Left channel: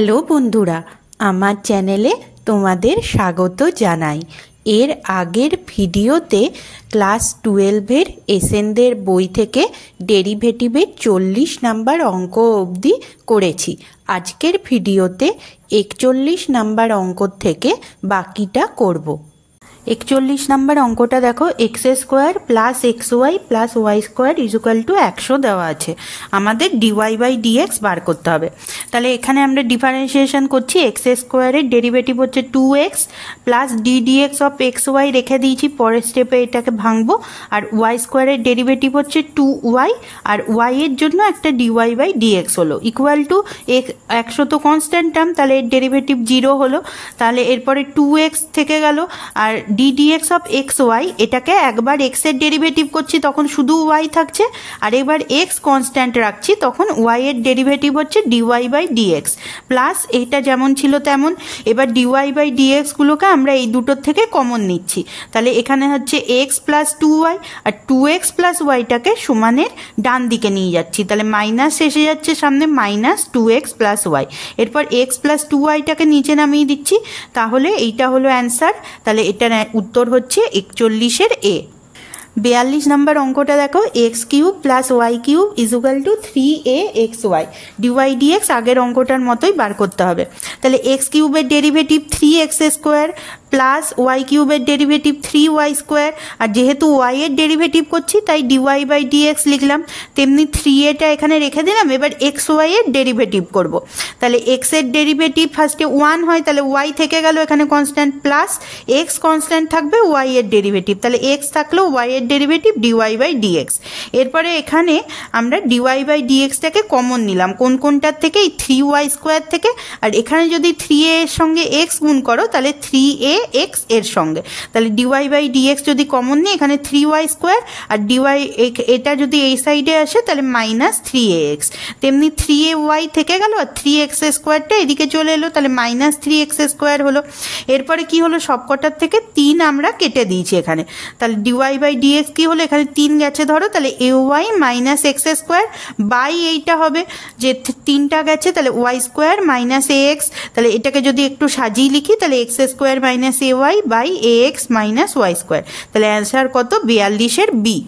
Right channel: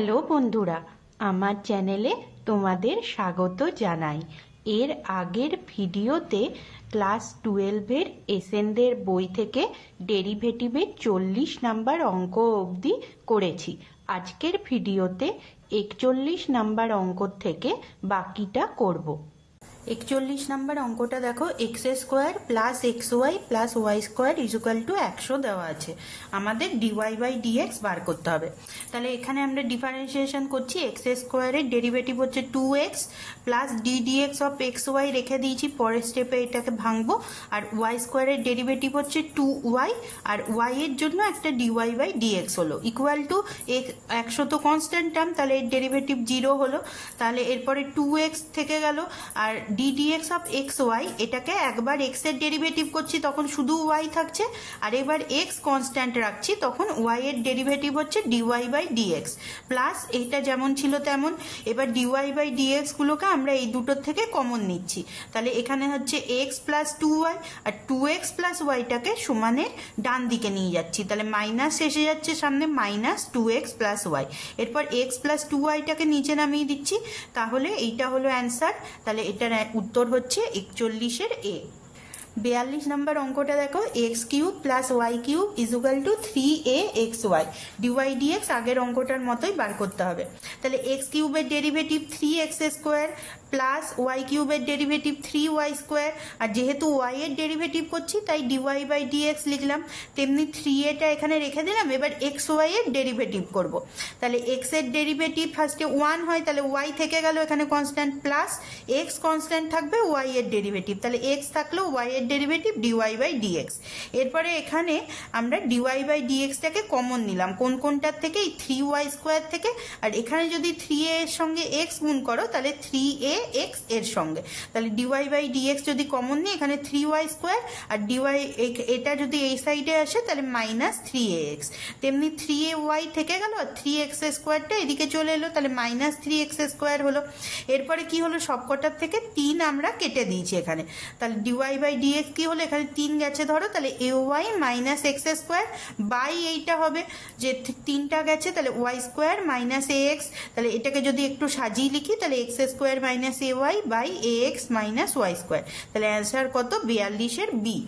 Hello বন্ধুরা, আমার চ্যানেলে তোমাদের স্বাগত জানাই। এর আগের ভিডিওতে ক্লাস 12-এর এসেনদের বই থেকে ডেরিভেটিভের 40 নাম্বার অঙ্ক অবধি করেছি। আজকের ভিডিওতে 41 নাম্বার অঙ্ক থেকে বাকিটা করব। 41 নাম্বার অঙ্কটা দেখো, x square plus x y plus y square equal to 100 দেওয়া আছে। আমাদের ডিওয়াই বাই ডিএক্স বার করতে হবে। তাহলে এখানে আমরা ডিফারেন্সিয়েশন করছি। এক্স স্কোয়ারের ডেরিভেটিভ হচ্ছে 2x plus d dx of x y রেখে দিয়েছি, পরের স্টেপে এটাকে ভাঙবো। আর ওয়াই স্কোয়ারের ডেরিভেটিভ হচ্ছে 2y, আর ওয়াই এর জন্য একটা ডিওয়াই বাই ডিএক্স হলো ইকুয়াল টু 100 তো কনস্ট্যান্ট টার্ম, তাহলে এর ডেরিভেটিভ 0 হলো। তাহলে এরপরে 2x থেকে গেল, আর d dx of x y, এটাকে একবার এক্স এর ডেরিভেটিভ করছি তখন শুধু ওয়াই থাকছে, আর এবার এক্স কনস্ট্যান্ট রাখছি তখন ওয়াই এর ডেরিভেটিভ হচ্ছে ডিওয়াই বাই ডিএক্স প্লাস এইটা যেমন ছিল তেমন। এবার ডিওয়াই বাই ডিএক্স গুলোকে আমরা এই দুটোর থেকে কমন নিচ্ছি। তাহলে এখানে হচ্ছে এক্স প্লাস 2y, আর 2x প্লাস ওয়াইটাকে সমানের ডান দিকে নিয়ে যাচ্ছি। তাহলে মাইনাস এসে যাচ্ছে সামনে, মাইনাস 2x প্লাস ওয়াই। এরপর এক্স প্লাস 2yটাকে নিচে নামিয়ে দিচ্ছি। তাহলে এইটা হলো অ্যান্সার। তাহলে এটার উত্তর হচ্ছে 41-এর এ। 42 নাম্বার অঙ্কটা দেখো, x cube plus y cube equal to 3axy। Dy dx আগের অঙ্কটার মতোই বার করতে হবে। তাহলে এক্স কিউবের derivative 3x square plus y কিউবের ডেরিভেটিভ 3y স্কোয়ার, আর যেহেতু ওয়াই এর ডেরিভেটিভ করছি তাই ডিওয়াই বাই ডিএক্স লিখলাম। তেমনি 3a-টা এখানে রেখে দিলাম। এবার এক্স ওয়াই এর ডেরিভেটিভ করব। তাহলে এক্স এর ডেরিভেটিভ ফার্স্টে 1 হয়, তাহলে ওয়াই থেকে গেল এখানে কনস্ট্যান্ট, প্লাস এক্স কনস্ট্যান্ট থাকবে ওয়াই এর ডেরিভেটিভ, তাহলে এক্স থাকলেও ওয়াই এর ডেরিভেটিভ ডিওয়াই বাই ডিএক্স। এরপরে এখানে আমরা ডিওয়াই বাই ডিএক্সটাকে কমন নিলাম কোনটার থেকে, এই 3y স্কোয়ার থেকে। আর এখানে যদি 3a এর সঙ্গে এক্স গুণ করো তাহলে 3ax এর সঙ্গে, তাহলে ডিওয়াই বাই ডিএক্স যদি কমন নিই এখানে 3y স্কোয়ার, আর ডিওয়াই এটা যদি এই সাইডে আসে তাহলে মাইনাস 3ax। তেমনি 3ay থেকে গেল, আর 3x স্কোয়ারটা এদিকে চলে এলো, তাহলে মাইনাস 3x স্কোয়ার হলো। এরপরে কি হলো, সবকটার থেকে 3 আমরা কেটে দিয়েছি এখানে। তাহলে ডিওয়াই বাই ডিএক্স কি হলো, এখানে 3 গেছে ধরো, তাহলে ay minus x square by এইটা হবে, যে 3টা গেছে তাহলে ওয়াই স্কোয়ার মাইনাস ax। তাহলে এটাকে যদি একটু সাজিয়ে লিখি তাহলে x square minus ay by ax minus y square. তাহলে অ্যান্সার কত, 42-এর বি।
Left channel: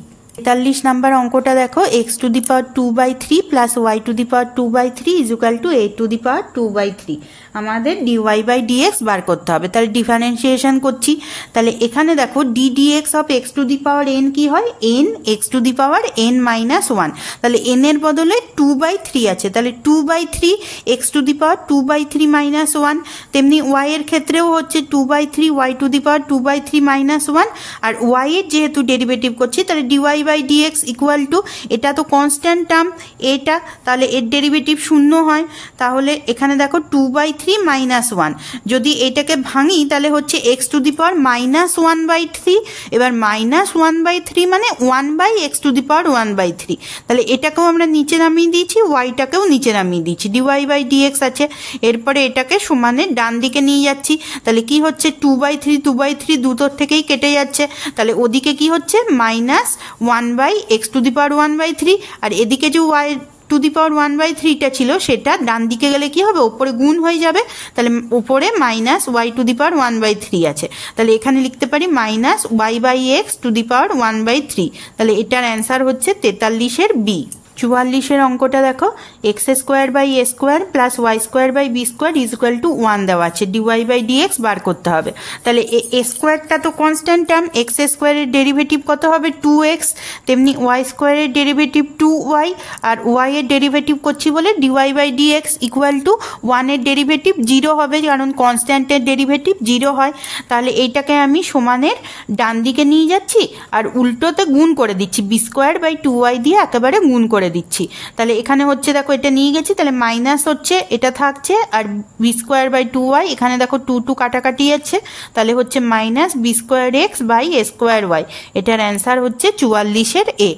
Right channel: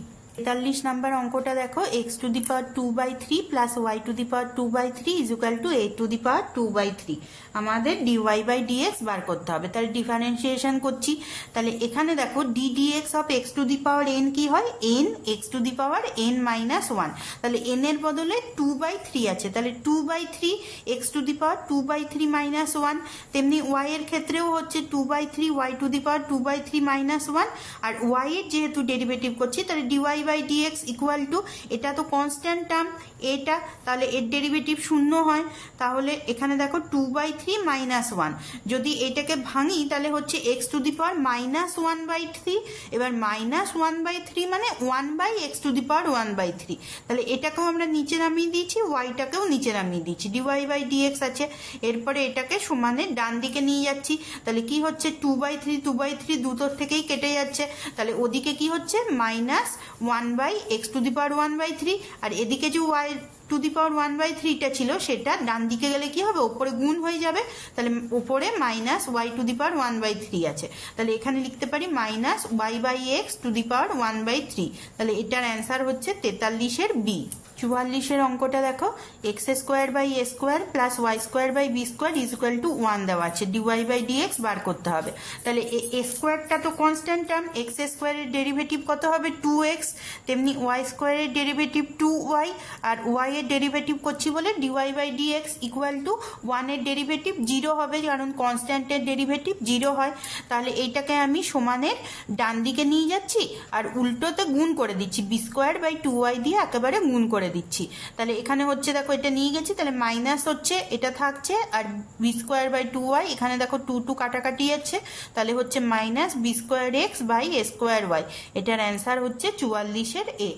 43 নাম্বার অঙ্কটা দেখো, x to the power 2/3 plus y to the power 2/3 equal to a to the power 2/3। আমাদের ডিওয়াই বাই ডিএক্স বার করতে হবে। তাহলে ডিফারেন্সিয়েশন করছি। তাহলে এখানে দেখো d dx of x to the power n কি হয়, n x to the power n minus 1। তাহলে এন এর বদলে 2/3 আছে, তাহলে 2/3 x to the power 2/3 minus 1। তেমনি ওয়াই এর ক্ষেত্রেও হচ্ছে 2/3 y to the power 2/3 minus 1। আর ওয়াই এর যেহেতু ডেরিভেটিভ করছি তাহলে dy by dx equal to, এটা তো কনস্ট্যান্ট টার্ম এটা, তাহলে এর ডেরিভেটিভ 0 হয়। তাহলে এখানে দেখো 2/3 মাইনাস 1, যদি এটাকে ভাঙি তাহলে হচ্ছে x to the power minus 1/3। এবার মাইনাস 1/3 মানে 1/x টু দি পাওয়ার 1/3। তাহলে এটাকেও আমরা নিচে নামিয়ে দিয়েছি, ওয়াইটাকেও নিচে নামিয়ে দিয়েছি, ডিওয়াই বাই ডিএক্স আছে। এরপরে এটাকে সমানের ডান দিকে নিয়ে যাচ্ছি। তাহলে কি হচ্ছে, 2/3 দুটোর থেকেই কেটে যাচ্ছে। তাহলে ওদিকে কি হচ্ছে, minus 1/x two the power 1/3, আর এদিকে যে ওয়াই টু দি পাওয়ার 1/3টা ছিল সেটা ডান দিকে গেলে কি হবে, ওপরে গুণ হয়ে যাবে। তাহলে ওপরে minus y to the power 1/3 আছে। তাহলে এখানে লিখতে পারি minus y by x to the power 1/3। তাহলে এটার অ্যান্সার হচ্ছে 43-এর বি। 44-এর অঙ্কটা দেখো, x square by a square plus y square by b square equal to 1 দেওয়া আছে। ডিওয়াই বাই ডিএক্স বার করতে হবে। তাহলে এ স্কোয়ারটা তো কনস্ট্যান্ট টার্ম, এক্স স্কোয়ারের ডেরিভেটিভ কত হবে 2x, তেমনি ওয়াই স্কোয়ারের ডেরিভেটিভ 2y, আর ওয়াই এর ডেরিভেটিভ করছি বলে dy by dx equal to 1 এর ডেরিভেটিভ 0 হবে, কারণ কনস্ট্যান্টের ডেরিভেটিভ 0 হয়। তাহলে এইটাকে আমি সমানের ডান দিকে নিয়ে যাচ্ছি, আর উল্টোতে গুণ করে দিচ্ছি, বি স্কোয়ার বাই 2y দিয়ে একেবারে গুণ করে দিচ্ছি। তাহলে এখানে হচ্ছে দেখো এটা নিয়ে গেছি, তাহলে মাইনাস হচ্ছে এটা থাকছে, আর বি স্কোয়ার বাই 2y, এখানে দেখো 2 কাটাকাটি যাচ্ছে, তাহলে হচ্ছে minus b square x by a square y. এটার অ্যান্সার হচ্ছে 44-এর এ।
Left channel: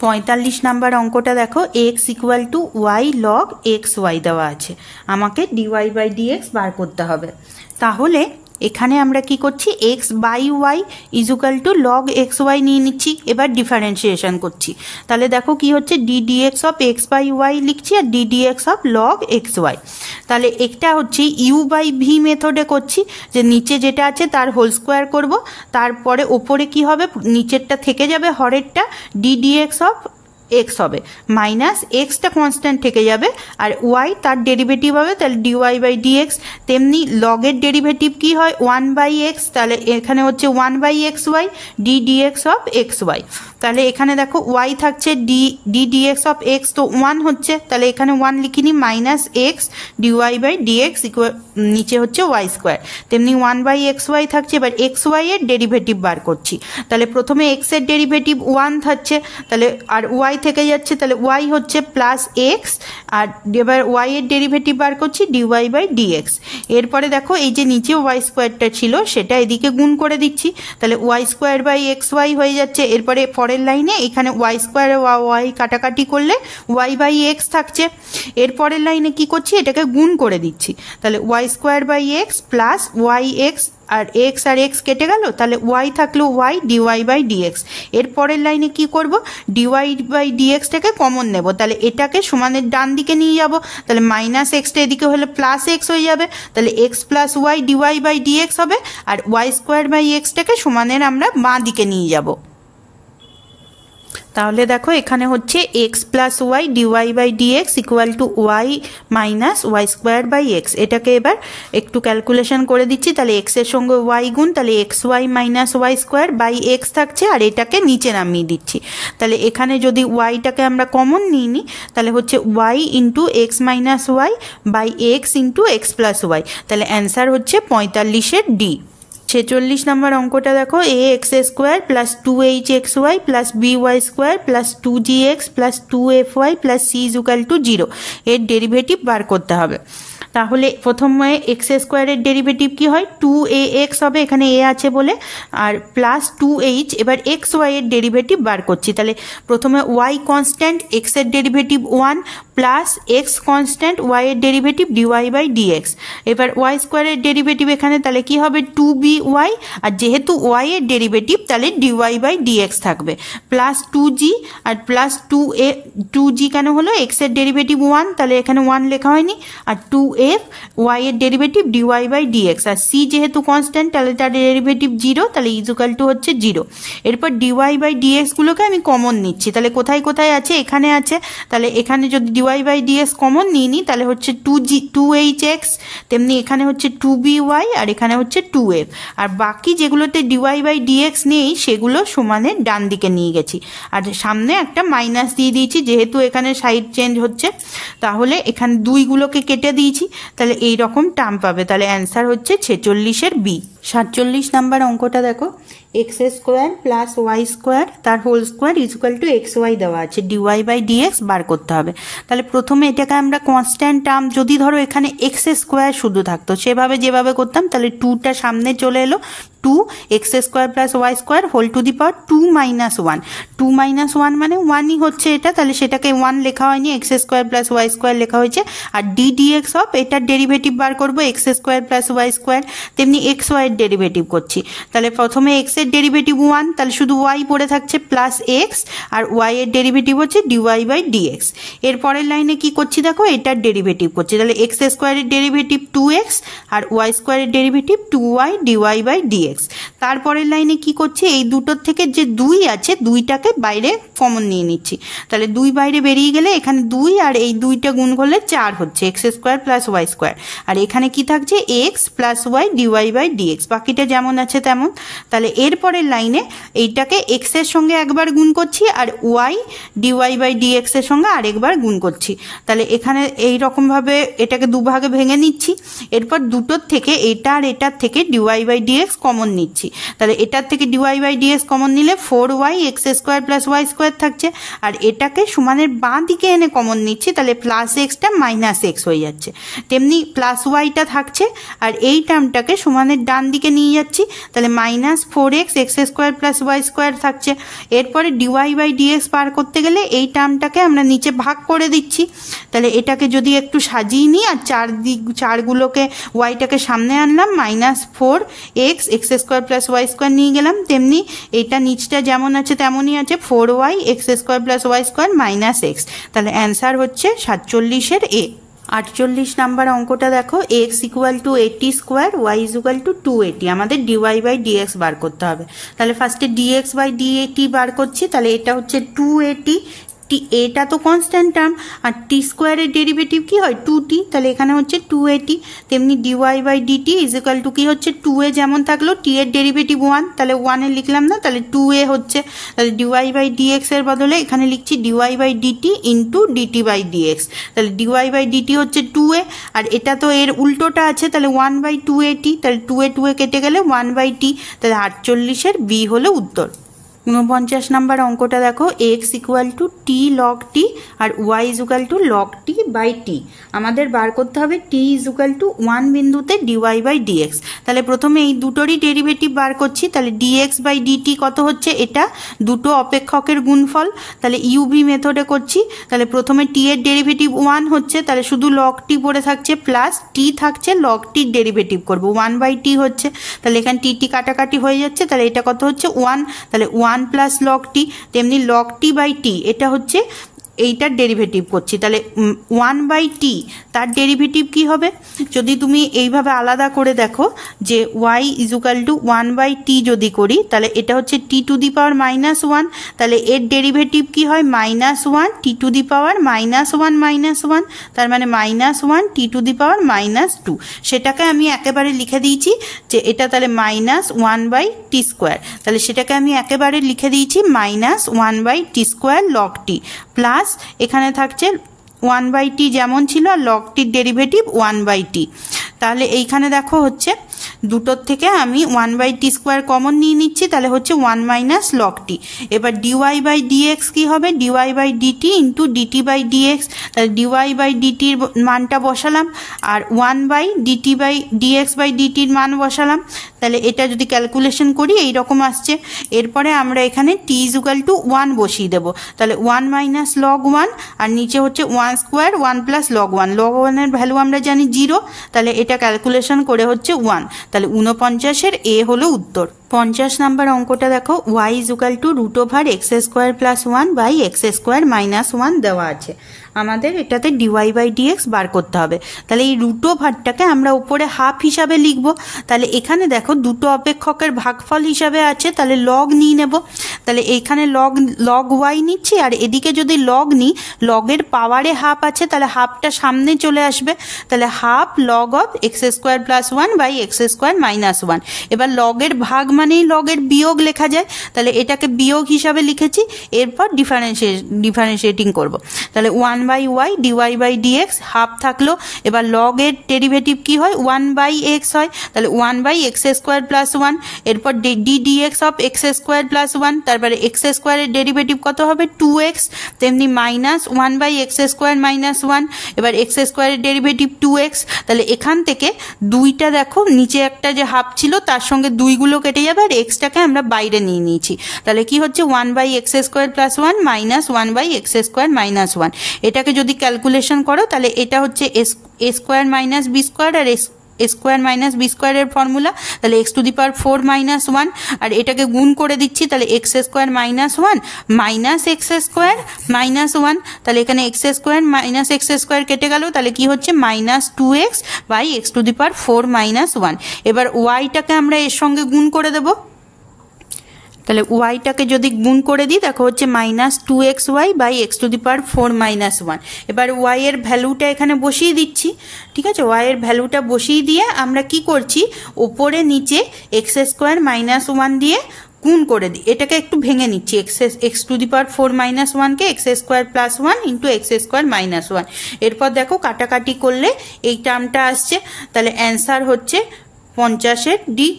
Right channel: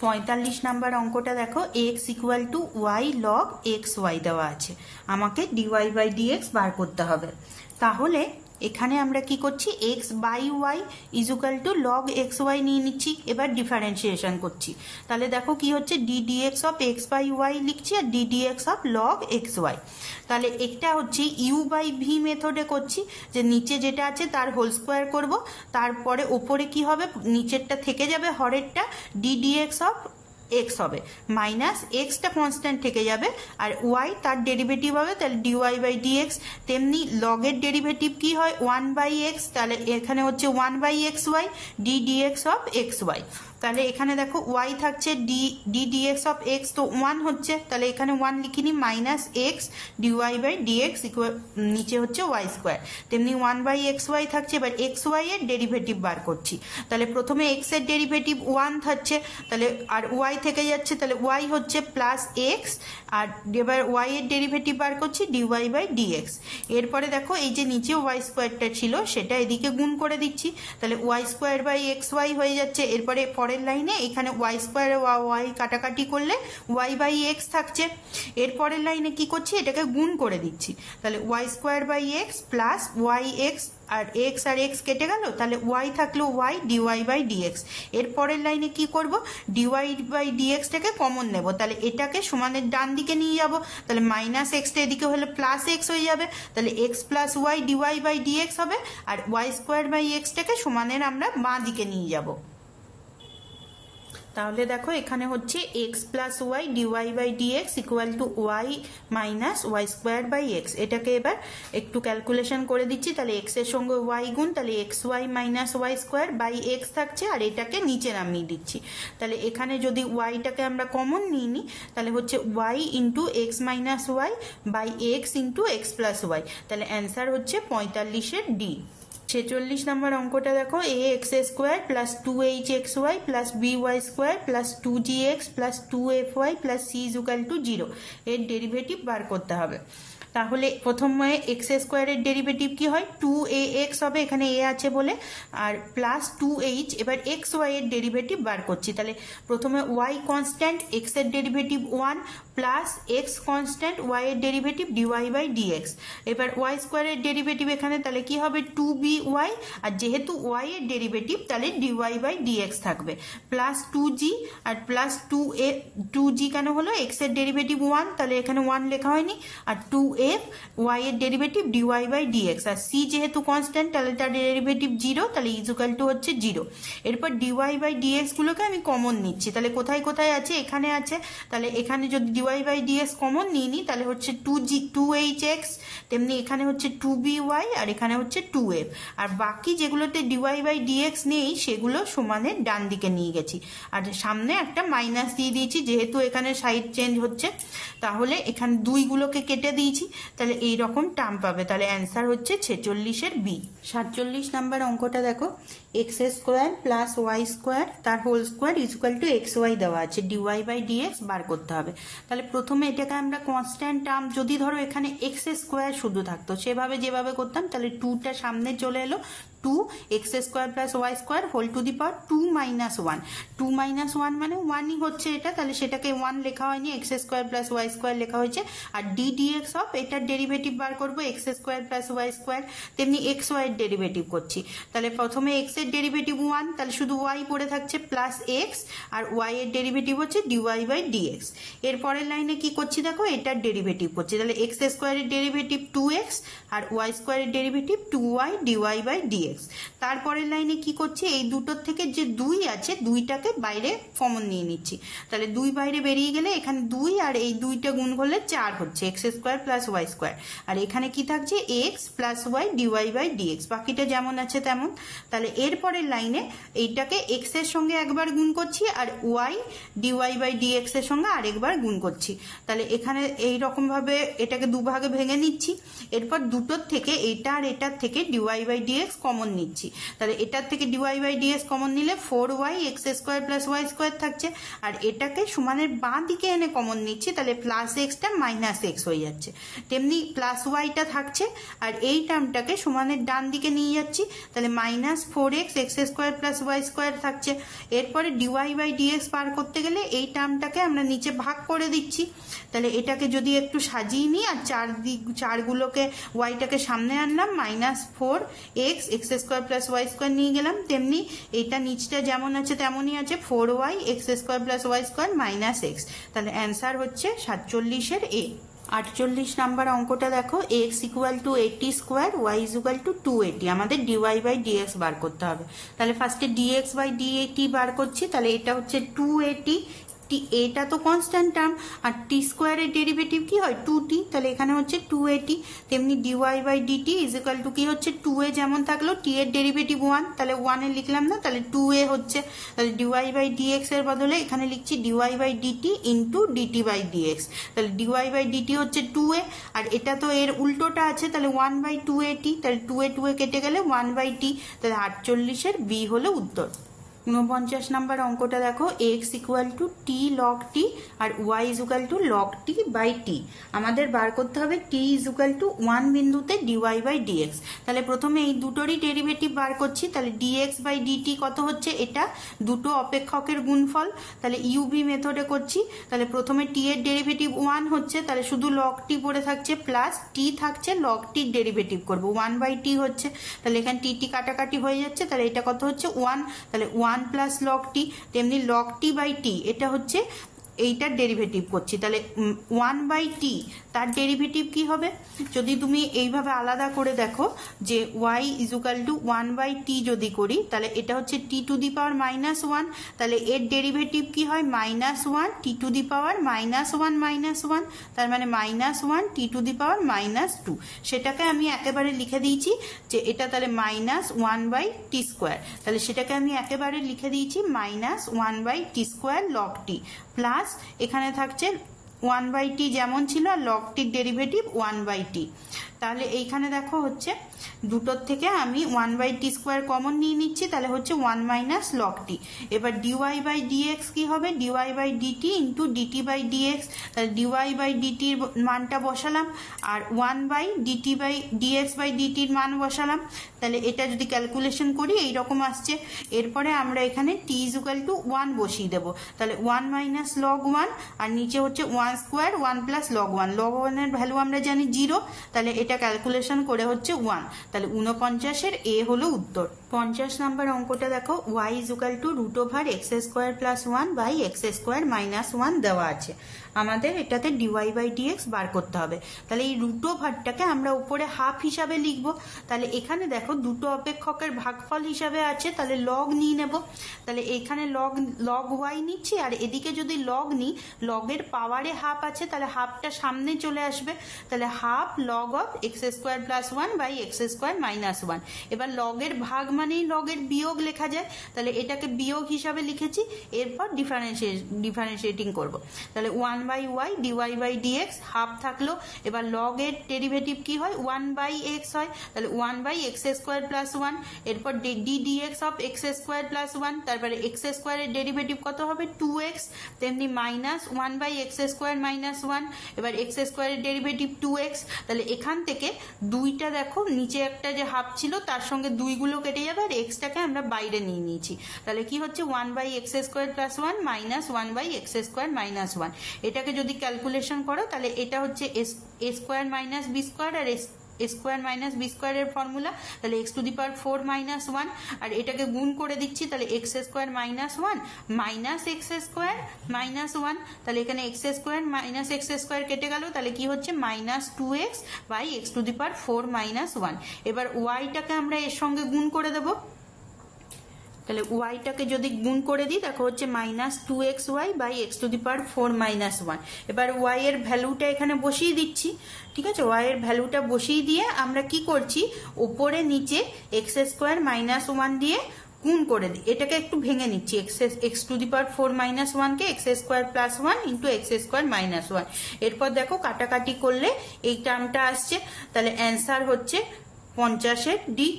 45 নাম্বার অঙ্কটা দেখো, x equal to y log x y দেওয়া আছে। আমাকে ডিওয়াই বাই ডিএক্স বার করতে হবে। তাহলে এখানে আমরা কি করছি, x by y equal to log x y নিয়ে নিচ্ছি, এবার ডিফারেন্সিয়েশন করছি। তাহলে দেখো কি হচ্ছে, d d x of x by y লিখছি আর d d x of log x y. তাহলে এটা হচ্ছে ইউ বাই ভি মেথডে করছি, যে নিচে যেটা আছে তার হোল স্কোয়ার করব, তারপরে ওপরে কি হবে, নিচেরটা থেকে যাবে হরেরটা, d d x of x হবে মাইনাস এক্সটা কনস্ট্যান্ট থেকে যাবে আর ওয়াই তার ডেরিভেটিভ হবে, তাহলে ডিওয়াই বাই ডিএক্স। তেমনি লগের ডেরিভেটিভ কি হয়, 1/x, তাহলে এখানে হচ্ছে 1/xy d dx of x y. তাহলে এখানে দেখো ওয়াই থাকছে ডি ডিএক্স অফ এক্স, তো 1 হচ্ছে, তাহলে এখানে 1 লিখিনি, minus x dy by dx নিচে হচ্ছে ওয়াই স্কোয়ার। তেমনি 1/xy থাকছে, এবার এক্স ওয়াই এর ডেরিভেটিভ বার করছি। তাহলে প্রথমে এক্স এর ডেরিভেটিভ 1 থাকছে, তাহলে আর ওয়াই থেকে যাচ্ছে, তাহলে ওয়াই হচ্ছে প্লাস এক্স, আর এবার ওয়াই এর ডেরিভেটিভ বার করছি ডিওয়াই বাই ডিএক্স। এরপরে দেখো এই যে নিচে ওয়াই স্কোয়ারটা ছিল সেটা এদিকে গুণ করে দিচ্ছি, তাহলে y square by x y হয়ে যাচ্ছে। এরপরে পরের লাইনে এখানে ওয়াই স্কোয়ার ওয়াই কাটাকাটি করলে ওয়াই বাই এক্স থাকছে। এরপরের লাইনে কি করছি, এটাকে গুণ করে দিচ্ছি, তাহলে y square by x plus y x, আর এক্স কেটে গেল, তাহলে ওয়াই থাকলো ওয়াই ডিওয়াই বাই ডিএক্স। এর পরের লাইনে কি করব, ডিওয়াই বাই ডিএক্সটাকে কমন নেব, তাহলে এটাকে সমানের ডান দিকে নিয়ে যাব, তাহলে মাইনাস এক্সটা এদিকে হলে প্লাস এক্স হয়ে যাবে, তাহলে x plus y dy by dx হবে, আর ওয়াই স্কোয়ার বাই এক্সটাকে সমানের আমরা বাঁ দিকে নিয়ে যাব। তাহলে দেখো এখানে হচ্ছে x plus y dy by dx equal to y minus y square by x. এটাকে এবার একটু ক্যালকুলেশন করে দিচ্ছি, তাহলে এক্সের সঙ্গে ওয়াই গুণ, তাহলে x y minus y square by x থাকছে, আর এটাকে নিচে নামিয়ে দিচ্ছি। তাহলে এখানে যদি ওয়াইটাকে আমরা কমন নিই নি, তাহলে হচ্ছে y into x minus y by x into x plus y, তাহলে অ্যান্সার হচ্ছে 45-এর ডি। 46 নম্বর অঙ্কটা দেখো, a x square plus 2hxy plus by square plus 2gx plus 2fy plus c equal to 0 এর ডেরিভেটিভ বার করতে হবে। তাহলে প্রথমে এক্স স্কোয়ারের ডেরিভেটিভ কি হয়, 2ax হবে, এখানে এ আছে বলে, আর প্লাস 2h, এবার এক্স ওয়াই এর ডেরিভেটিভ বার করছি। তাহলে প্রথমে ওয়াই কনস্ট্যান্ট, এক্স এর derivative 1 plus x constant, y এর ডেরিভেটিভ ডিওয়াই বাই ডিএক্স। এবার ওয়াই স্কোয়ারের ডেরিভেটিভ এখানে তাহলে কি হবে 2by, আর যেহেতু ওয়াই এর ডেরিভেটিভ তাহলে ডিওয়াই বাই ডিএক্স থাকবে, প্লাস 2g আর প্লাস 2g কেন হলো, এক্স এর ডেরিভেটিভ 1, তাহলে এখানে 1 লেখা হয়নি, আর 2f ওয়াই এর ডেরিভেটিভ ডিওয়াই বাই ডিএক্স, আর c যেহেতু কনস্ট্যান্ট তাহলে তার ডেরিভেটিভ 0, তাহলে ইকুয়াল টু হচ্ছে 0। এরপর ডিওয়াই বাই ডিএক্স গুলোকে আমি কমন নিচ্ছি, তাহলে কোথায় কোথায় আছে, এখানে আছে, তাহলে এখানে যদি ডিওয়াই বাই ডিএক্স কমন নিই নি, তাহলে হচ্ছে 2hx, তেমনি এখানে হচ্ছে 2by, আর এখানে হচ্ছে 2f, আর বাকি যেগুলোতে ডিওয়াই বাই ডিএক্স নেই সেগুলো সমানের ডান দিকে নিয়ে গেছি, আর সামনে একটা মাইনাস দিয়ে দিয়েছি যেহেতু এখানে সাইড চেঞ্জ হচ্ছে, তাহলে এখানে দুইগুলোকে কেটে দিয়েছি, তাহলে এই রকম টার্ম পাবে, তাহলে অ্যান্সার হচ্ছে 46-এর বি। 47 নাম্বার অঙ্কটা দেখো, x square plus y square তার whole square equal to x y দেওয়া আছে, ডিওয়াই বাই ডিএক্স বার করতে হবে। তাহলে প্রথমে এটাকে আমরা কনস্ট্যান্ট টার্ম, যদি ধরো এখানে এক্স স্কোয়ার শুধু থাকতো সেভাবে যেভাবে করতাম, তাহলে 2টা সামনে চলে এলো, 2x square plus y square whole to the power 2 - 1, 2 - 1 মানে 1ই হচ্ছে এটা, তাহলে সেটাকে 1 লেখা হয়নি, x square plus y square লেখা হয়েছে, আর ডি ডিএক্স অফ এটার ডেরিভেটিভ বার করবো x square plus y square, তেমনি এক্স ওয়াই এর ডেরিভেটিভ করছি, তাহলে প্রথমে এক্স এর ডেরিভেটিভ 1, তাহলে শুধু ওয়াই পড়ে থাকছে প্লাস এক্স, আর ওয়াই এর ডেরিভেটিভ হচ্ছে ডিওয়াই বাই ডিএক্স। এর পরের লাইনে কি করছি দেখো, এটার ডেরিভেটিভ করছি, তাহলে এক্স স্কোয়ারের ডেরিভেটিভ 2x আর ওয়াই স্কোয়ারের derivative 2y dy by dx. তারপরের লাইনে কি করছি, এই দুটোর থেকে যে 2 আছে 2টাকে বাইরে কমন নিয়ে নিচ্ছি, তাহলে 2 বাইরে বেরিয়ে গেলে এখানে 2 আর এই 2টা গুণ করলে 4 হচ্ছে x square plus y square, আর এখানে কি থাকছে x plus y dy by d x, বাকিটা যেমন আছে তেমন। তাহলে এরপরের লাইনে এইটাকে এক্স এর সঙ্গে একবার গুণ করছি আর ওয়াই ডিওয়াই বাই ডিএক্স এর সঙ্গে আরেকবার গুণ করছি, তাহলে এখানে এই রকমভাবে এটাকে দুভাগে ভেঙে নিচ্ছি, এরপর দুটোর থেকে এটা আর এটার থেকে ডিওয়াই বাই ডিএক্স কমন নিচ্ছি, তাহলে এটার থেকে ডিওয়াই বাই ডিএক্স কমন নিলে 4y x square plus y square থাকছে, আর এটাকে সমানের বাঁ দিকে এনে কমন নিচ্ছি, তাহলে প্লাস এক্সটা মাইনাস এক্স হয়ে যাচ্ছে, তেমনি প্লাস ওয়াইটা থাকছে, আর এই টার্মটাকে সমানের ডান দিকে নিয়ে যাচ্ছি, তাহলে -4x x square plus y square থাকছে। এরপরে ডিওয়াই বাই ডিএক্স বার করতে গেলে এই টার্মটাকে আমরা নিচে ভাগ করে দিচ্ছি। তাহলে এটাকে যদি একটু সাজিয়ে নিই আর চারগুলোকে ওয়াইটাকে সামনে আনলাম, -4x x square plus y square নিয়ে গেলাম, তেমনি এটা নিচটা যেমন আছে তেমনই আছে, 4y x square plus y square -x। তাহলে অ্যান্সার হচ্ছে 47-এর এ। 48 নাম্বার অঙ্কটা দেখো, x equal to 80 square y equal to 280। আমাদের ডিওয়াই বাই ডিএক্স বার করতে হবে। তাহলে ফার্স্টে ডিএক্স বাই ডিএটি বার করছি। তাহলে এটা হচ্ছে 280, এটা তো কনস্ট্যান্ট টার্ম, আর টি স্কোয়ারের ডেরিভেটিভ কি হয় 2t, তাহলে এখানে হচ্ছে 280। তেমনি dy by dt is equal to কি হচ্ছে 2a যেমন থাকলো, টি এর ডেরিভেটিভ 1, তাহলে 1 লিখলাম না, তাহলে 2a হচ্ছে। তাহলে ডিওয়াই বাই ডিএক্স এর বদলে এখানে লিখছি dy by dt into dt by dx. তাহলে ডিওয়াই বাই ডিটি হচ্ছে 2a, আর এটা তো এর উল্টোটা আছে, তাহলে 1/280, তাহলে 2a কেটে গেলে 1/t। তাহলে 48-এর বি হলো উত্তর। 49 নাম্বার অঙ্কটা দেখো, x equal to t log t আর y equal to log t by t. আমাদের বার করতে হবে টি ইকুয়াল টু 1 বিন্দুতে ডিওয়াই বাই ডিএক্স। তাহলে প্রথমে এই দুটোরই ডেরিভেটিভ বার করছি। তাহলে ডিএক্স বাই ডিটি কত হচ্ছে, এটা দুটো অপেক্ষকের গুণফল। তাহলে ইউভি মেথডে করছি। তাহলে প্রথমে টি এর ডেরিভেটিভ 1 হচ্ছে, তাহলে শুধু লগ টি পড়ে থাকছে, প্লাস টি থাকছে, লগ টির ডেরিভেটিভ করবো 1/t হচ্ছে। তাহলে এখানে টি কাটাকাটি হয়ে যাচ্ছে, তাহলে এটা কত হচ্ছে 1, তাহলে 1 প্লাস লগ টি। তেমনি লগ টি বাই টি, এটা হচ্ছে এইটার ডেরিভেটিভ করছি। তাহলে 1/t তার ডেরিভেটিভ কি হবে, যদি তুমি এইভাবে আলাদা করে দেখো যে y ইকুয়াল টু 1/t যদি করি, তাহলে এটা হচ্ছে t টু দি পাওয়ার -1, তাহলে এর ডেরিভেটিভ কি হয় -1 t টু দি পাওয়ার -1, তার মানে -1 t টু দি পাওয়ার -2। সেটাকে আমি একেবারে লিখে দিয়েছি যে এটা তাহলে -1/t স্কোয়ার। তাহলে সেটাকে আমি একেবারে লিখে দিয়েছি -1/t স্কোয়ার লগ টি, প্লাস এখানে থাকছে 1/t যেমন ছিল, আর লগ টির ডেরিভেটিভ 1/t। তাহলে এইখানে দেখো হচ্ছে দুটোর থেকে আমি 1/t স্কোয়ার কমন নিয়ে নিচ্ছি, তাহলে হচ্ছে 1 মাইনাস লগ টি। এবার ডিওয়াই বাই ডিএক্স কি হবে, dy by dt into dt by dx. তাহলে ডিওয়াই বাই ডিটির মানটা বসালাম, আর 1/dt বাই ডিএক্স বাই ডিটির মান বসালাম। তাহলে এটা যদি ক্যালকুলেশন করি এইরকম আসছে। এরপরে আমরা এখানে টি ইকুয়াল টু 1 বসিয়ে দেবো। তাহলে 1 মাইনাস লগ 1, আর নিচে হচ্ছে 1 স্কোয়ার 1 প্লাস লগ 1। লগ 1-এর ভ্যালু আমরা জানি 0, তাহলে এটা ক্যালকুলেশন করে হচ্ছে 1। তাহলে 49-এর এ হলো উত্তর। 50 নাম্বার অঙ্কটা দেখো, y equal to √x square plus 1 by x square minus 1 দেওয়া আছে। আমাদের এটাতে ডিওয়াই বাই ডিএক্স বার করতে হবে। তাহলে এই √টাকে আমরা উপরে হাফ হিসাবে লিখবো। তাহলে এখানে দেখো দুটো অপেক্ষকের ভাগফল হিসাবে আছে, তাহলে লগ নিয়ে নেব। তাহলে এইখানে লগ ওয়াই নিচ্ছি, আর এদিকে যদি লগ নিই, লগের পাওয়ারে হাফ আছে, তাহলে হাফটা সামনে চলে আসবে। তাহলে half log of x square plus 1 by x square minus 1। এবার লগের ভাগ মানেই লগের বিয়োগ লেখা যায়, তাহলে এটাকে বিয়োগ হিসাবে লিখেছি। এরপর ডিফারেন্সিয়েটিং করব। তাহলে 1/y dy by dx half থাকলো। এবার লগের ডেরিভেটিভ কি হয় 1/x হয়, তাহলে 1/x স্কোয়ার প্লাস 1। এরপর dx of x square plus 1, তারপরে এক্স স্কোয়ারের ডেরিভেটিভ কত হবে 2x, তেমনি মাইনাস 1/x স্কোয়ার মাইনাস 1। এবার এক্স স্কোয়ারের ডেরিভেটিভ 2x। তাহলে এখান থেকে দুইটা দেখো, নিচে একটা যে হাফ ছিল তার সঙ্গে দুইগুলো কেটে যাবে, আর এক্সটাকে আমরা বাইরে নিয়ে নিয়েছি। তাহলে কি হচ্ছে 1/x square plus 1 minus 1/x square minus 1। এটাকে যদি ক্যালকুলেশন করো, তাহলে এটা হচ্ছে এ স্কোয়ার মাইনাস বি স্কোয়ার, আর এ স্কোয়ার মাইনাস বি স্কোয়ারের ফর্মুলা। তাহলে x to the power 4 minus 1, আর এটাকে গুণ করে দিচ্ছি। তাহলে x square minus 1 minus x square minus 1। তাহলে এখানে x square minus x square কেটে গেল, তাহলে কি হচ্ছে -2x by x to the power 4 minus 1। এবার ওয়াইটাকে আমরা এর সঙ্গে গুণ করে দেবো। তাহলে ওয়াইটাকে যদি গুণ করে দিই, দেখো হচ্ছে -2xy by x to the power 4 minus 1। এবার ওয়াই এর ভ্যালুটা এখানে বসিয়ে দিচ্ছি, ঠিক আছে। ওয়াই এর ভ্যালুটা বসিয়ে দিয়ে আমরা কি করছি, ওপরে নিচে এক্স স্কোয়ার মাইনাস 1 দিয়ে গুণ করে দিই। এটাকে একটু ভেঙে নিচ্ছি, x to the power 4 minus 1কে x square plus 1 into x square minus 1। এরপর দেখো কাটাকাটি করলে এই টার্মটা আসছে। তাহলে অ্যান্সার হচ্ছে 50-এর ডি।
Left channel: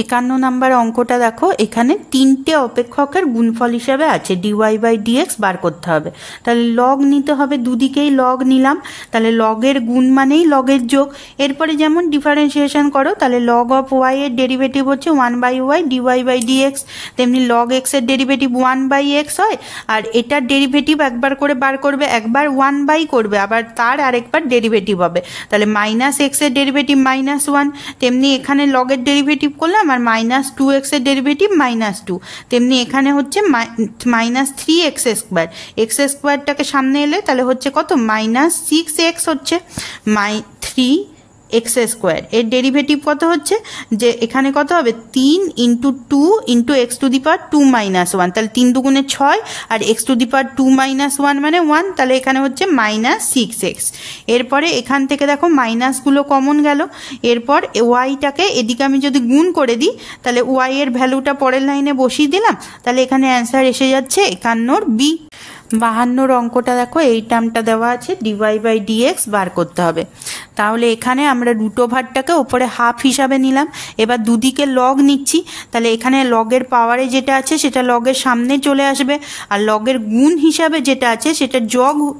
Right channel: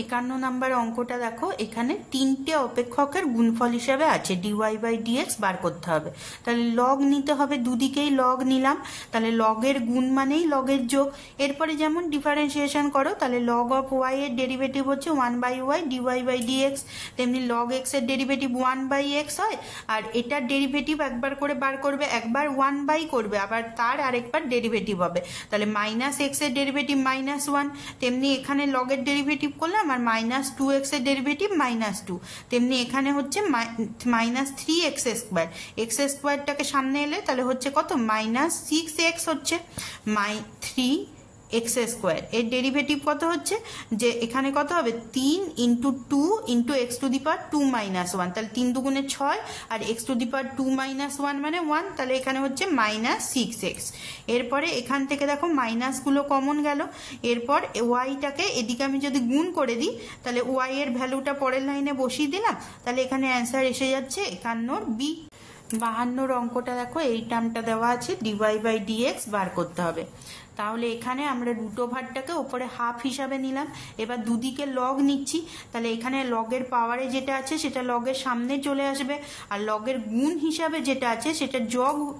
51 নাম্বার অঙ্কটা দেখো, এখানে তিনটে অপেক্ষকের গুণফল হিসাবে আছে, ডিওয়াই বাই ডিএক্স বার করতে হবে। তাহলে লগ নিতে হবে, দুদিকেই লগ নিলাম, তাহলে লগের গুণ মানেই লগের যোগ। এরপরে যেমন ডিফারেন্সিয়েশন করো, তাহলে লগ অফ ওয়াই এর ডেরিভেটিভ হচ্ছে 1 by y dy by dx, তেমনি লগ এক্স এর ডেরিভেটিভ 1 বাই এক্স হয়। আর এটার ডেরিভেটিভ একবার করে বার করবে, একবার 1 বাই করবে, আবার তার আরেকবার ডেরিভেটিভ হবে, তাহলে মাইনাস এক্স এর ডেরিভেটিভ -1, তেমনি এখানে লগের ডেরিভেটিভ করলাম আর -2x এর ডেরিভেটিভ -2, তেমনি এখানে হচ্ছে -3x²। এক্স স্কোয়ারটাকে সামনে এলে তাহলে হচ্ছে কত, -6x হচ্ছে 3x² এর ডেরিভেটিভ কত হচ্ছে, যে এখানে কত হবে 3 × 2 × x⁻² -1, তাহলে 3 দুগুণে 6 আর x⁻² -1 মানে 1, তাহলে এখানে হচ্ছে -6x। এরপরে এখান থেকে দেখো মাইনাসগুলো কমন গেল, এরপর ওয়াইটাকে এদিকে আমি যদি গুণ করে দিই তাহলে ওয়াই এর ভ্যালুটা পরের লাইনে বসিয়ে দিলাম, তাহলে এখানে অ্যান্সার এসে যাচ্ছে 51 বি। 52 অঙ্কটা দেখো, এই টার্মটা দেওয়া আছে ডিওয়াই বাই ডিএক্স বার করতে হবে। তাহলে এখানে আমরা রুট ওভারটাকে ওপরে হাফ হিসাবে নিলাম, এবার দুদিকে লগ নিচ্ছি, তাহলে এখানে লগের পাওয়ারে যেটা আছে সেটা লগের সামনে চলে আসবে, আর লগের গুণ হিসাবে যেটা আছে সেটা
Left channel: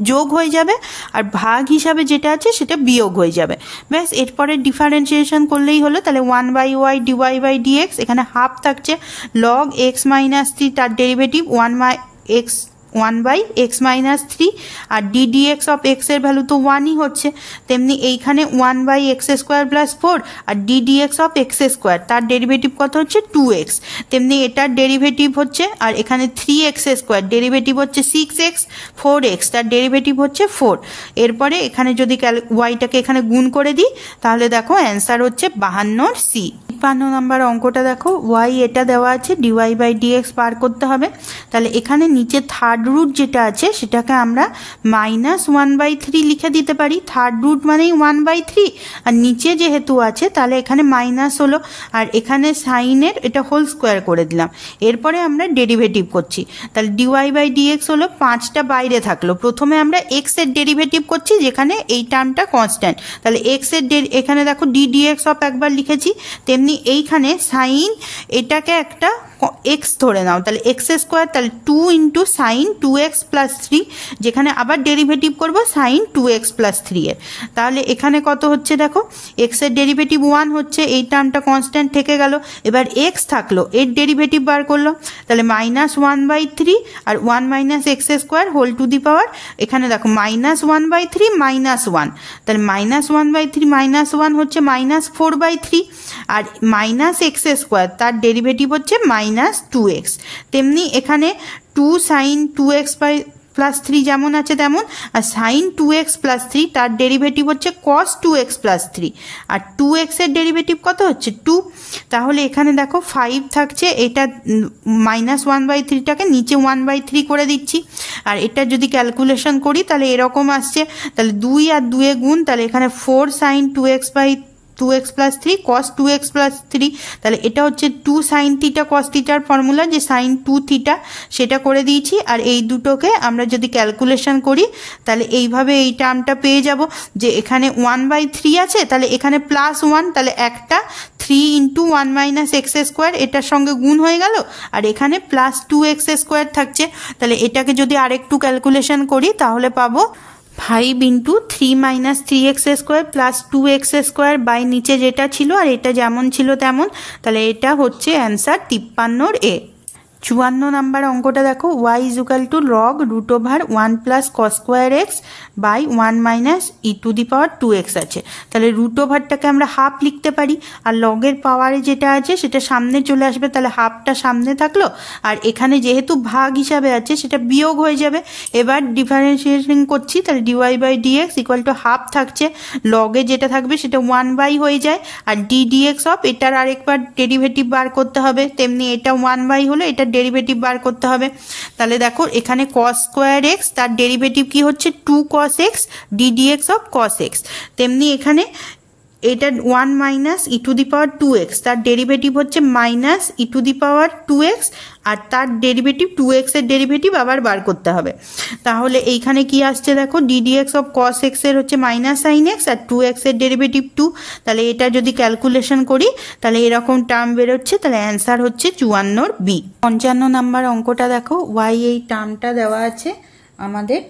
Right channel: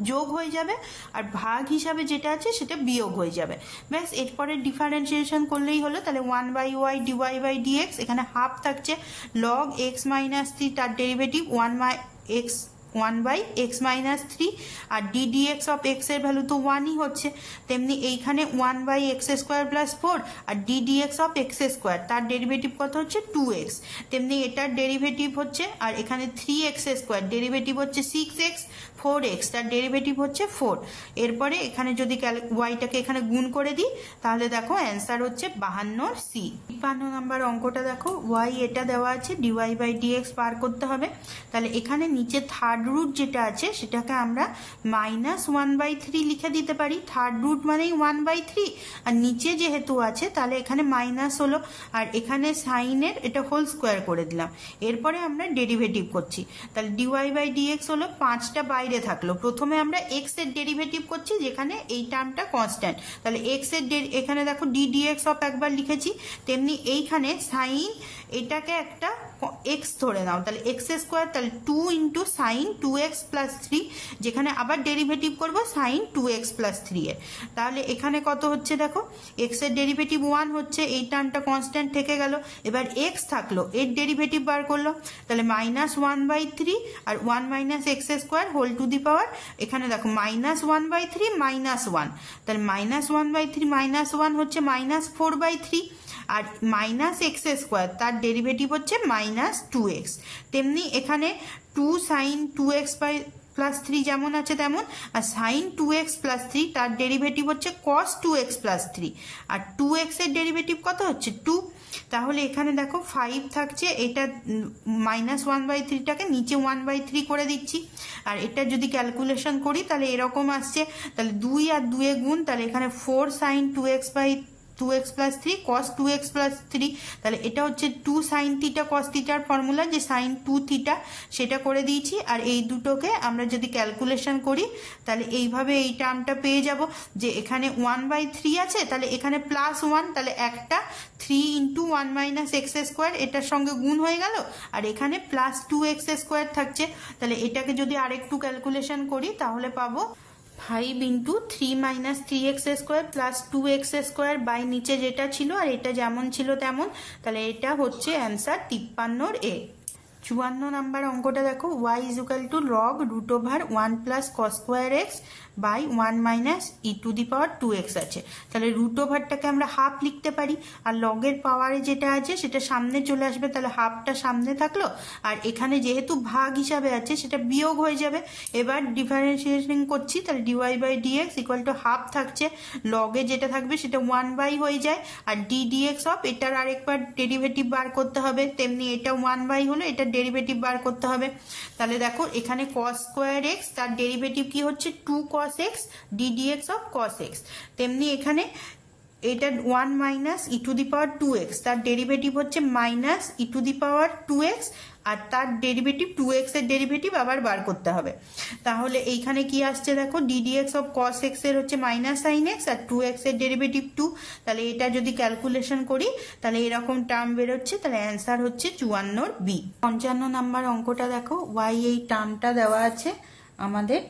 যোগ হয়ে যাবে, আর ভাগ হিসাবে যেটা আছে সেটা বিয়োগ হয়ে যাবে। ব্যাস, এরপরে ডিফারেন্সিয়েশন করলেই হলো। তাহলে 1 by y dy by dx, এখানে হাফ থাকছে লগ x - 3, তার ডেরিভেটিভ 1 বাই x - 3, আর ddx অফ x এর ভ্যালু তো 1ই হচ্ছে, তেমনি এইখানে 1 by x² + 4 R ddx of x², তার ডেরিভেটিভ কত হচ্ছে 2x, তেমনি এটার ডেরিভেটিভ হচ্ছে, আর এখানে 3x² ডেরিভেটিভ হচ্ছে 6x, 4x তার ডেরিভেটিভ হচ্ছে 4। এরপরে এখানে যদি ওয়াইটাকে এখানে গুণ করে দিই তাহলে দেখো অ্যান্সার হচ্ছে 52 সি। 52 নাম্বার অঙ্কটা দেখো, ওয়াই এটা দেওয়া আছে ডিওয়াই বাই ডিএক্স বার করতে হবে। তাহলে এখানে নিচে থার্ড রুট যেটা আছে সেটাকে আমরা -1/3 লিখে দিতে পারি, থার্ড রুট মানেই 1/3, আর নিচে যেহেতু আছে তাহলে এখানে মাইনাস হলো, আর এখানে সাইনের এটা হোল স্কোয়ার করে দিলাম। এরপরে আমরা ডেরিভেটিভ করছি, তাহলে ডিওয়াই বাই ডিএক্স হলো 5টা বাইরে থাকলো, প্রথমে আমরা এক্স এর ডেরিভেটিভ করছি যেখানে এই টার্মটা কনস্ট্যান্ট, তাহলে এক্স এর এখানে দেখো ddx অফ একবার লিখেছি, তেমনি এইখানে সাইন এটাকে একটা এক্স ধরে নাও, তাহলে x², তাহলে 2 × sin 2x + 3, যেখানে আবার ডেরিভেটিভ করব sin 2x + 3 এর, তাহলে এখানে কত হচ্ছে দেখো, এক্স এর ডেরিভেটিভ 1 হচ্ছে, এই টার্মটা কনস্ট্যান্ট থেকে গেল, এবার এক্স থাকলো, এর ডেরিভেটিভ বার করলো, তাহলে -1/3 আর 1 - x² হোল টু দি পাওয়ার, এখানে দেখো -1/3 -1, তাহলে -1/3 -1 হচ্ছে -4/3, আর -x² তার ডেরিভেটিভ হচ্ছে -2x, তেমনি এখানে 2 sin 2x + 3 যেমন আছে তেমন, আর sin 2x + 3 তার ডেরিভেটিভ হচ্ছে cos 2x + 3, আর 2x এর ডেরিভেটিভ কত হচ্ছে 2, তাহলে এখানে দেখো 5 থাকছে, এটা -1/3টাকে নিচে 1/3 করে দিচ্ছি, আর এটা যদি ক্যালকুলেশন করি তাহলে এরকম আসছে, তাহলে 2 আর 2 এ গুণ, তাহলে এখানে 4 sin 2x + 3 cos 2x + 3, তাহলে এটা হচ্ছে 2 sin θ cos θর ফর্মুলা, যে sin 2 θ সেটা করে দিয়েছি, আর এই দুটোকে আমরা যদি ক্যালকুলেশন করি তাহলে এইভাবে এই টার্মটা পেয়ে যাব, যে এখানে 1/3 আছে, তাহলে এখানে +1, তাহলে একটা 3 × 1 - x² এটার সঙ্গে গুণ হয়ে গেল, আর এখানে +2x² থাকছে, তাহলে এটাকে যদি আরেকটু ক্যালকুলেশন করি তাহলে পাবো 5 × 3 - 3x² + 2x² বাই নিচে যেটা ছিল আর এটা যেমন ছিল তেমন, তাহলে এটা হচ্ছে অ্যান্সার 53 এ। 54 নাম্বার অঙ্কটা দেখো, y = log √1 + cos² x by 1 - e⁻²x আছে, তাহলে রুট ওভারটাকে আমরা হাফ লিখতে পারি, আর লগের পাওয়ারে যেটা আছে সেটা সামনে চলে আসবে, তাহলে হাফটা সামনে থাকলো, আর এখানে যেহেতু ভাগ হিসাবে আছে সেটা বিয়োগ হয়ে যাবে। এবার ডিফারেন্সিয়েশন করছি, তাহলে ডিওয়াই বাই ডিএক্স = হাফ থাকছে, লগে যেটা থাকবে সেটা 1 হয়ে যায়, আর ddx অফ এটার আরেকবার ডেরিভেটিভ বার করতে হবে, তেমনি এটা 1 হলো, এটা ডেরিভেটিভ বার করতে হবে। তাহলে দেখো এখানে cos² x তার ডেরিভেটিভ কি হচ্ছে 2 cos x ddx of cos x, তেমনি এখানে এটা 1 minus E to the power 2x, তার ডেরিভেটিভ হচ্ছে minus E to the power 2x, আর তার ডেরিভেটিভ 2x এর ডেরিভেটিভ আবার বার করতে হবে। তাহলে এইখানে কি আসছে দেখো, ddx অফ cos x এর হচ্ছে মাইনাস সাইন এক্স, আর 2x এর ডেরিভেটিভ 2। তাহলে এটা যদি ক্যালকুলেশন করি তাহলে এরকম টার্ম বেরোচ্ছে। তাহলে অ্যান্সার হচ্ছে 54 বি। 55 নাম্বার অঙ্কটা দেখো, y এই টার্মটা দেওয়া আছে, আমাদের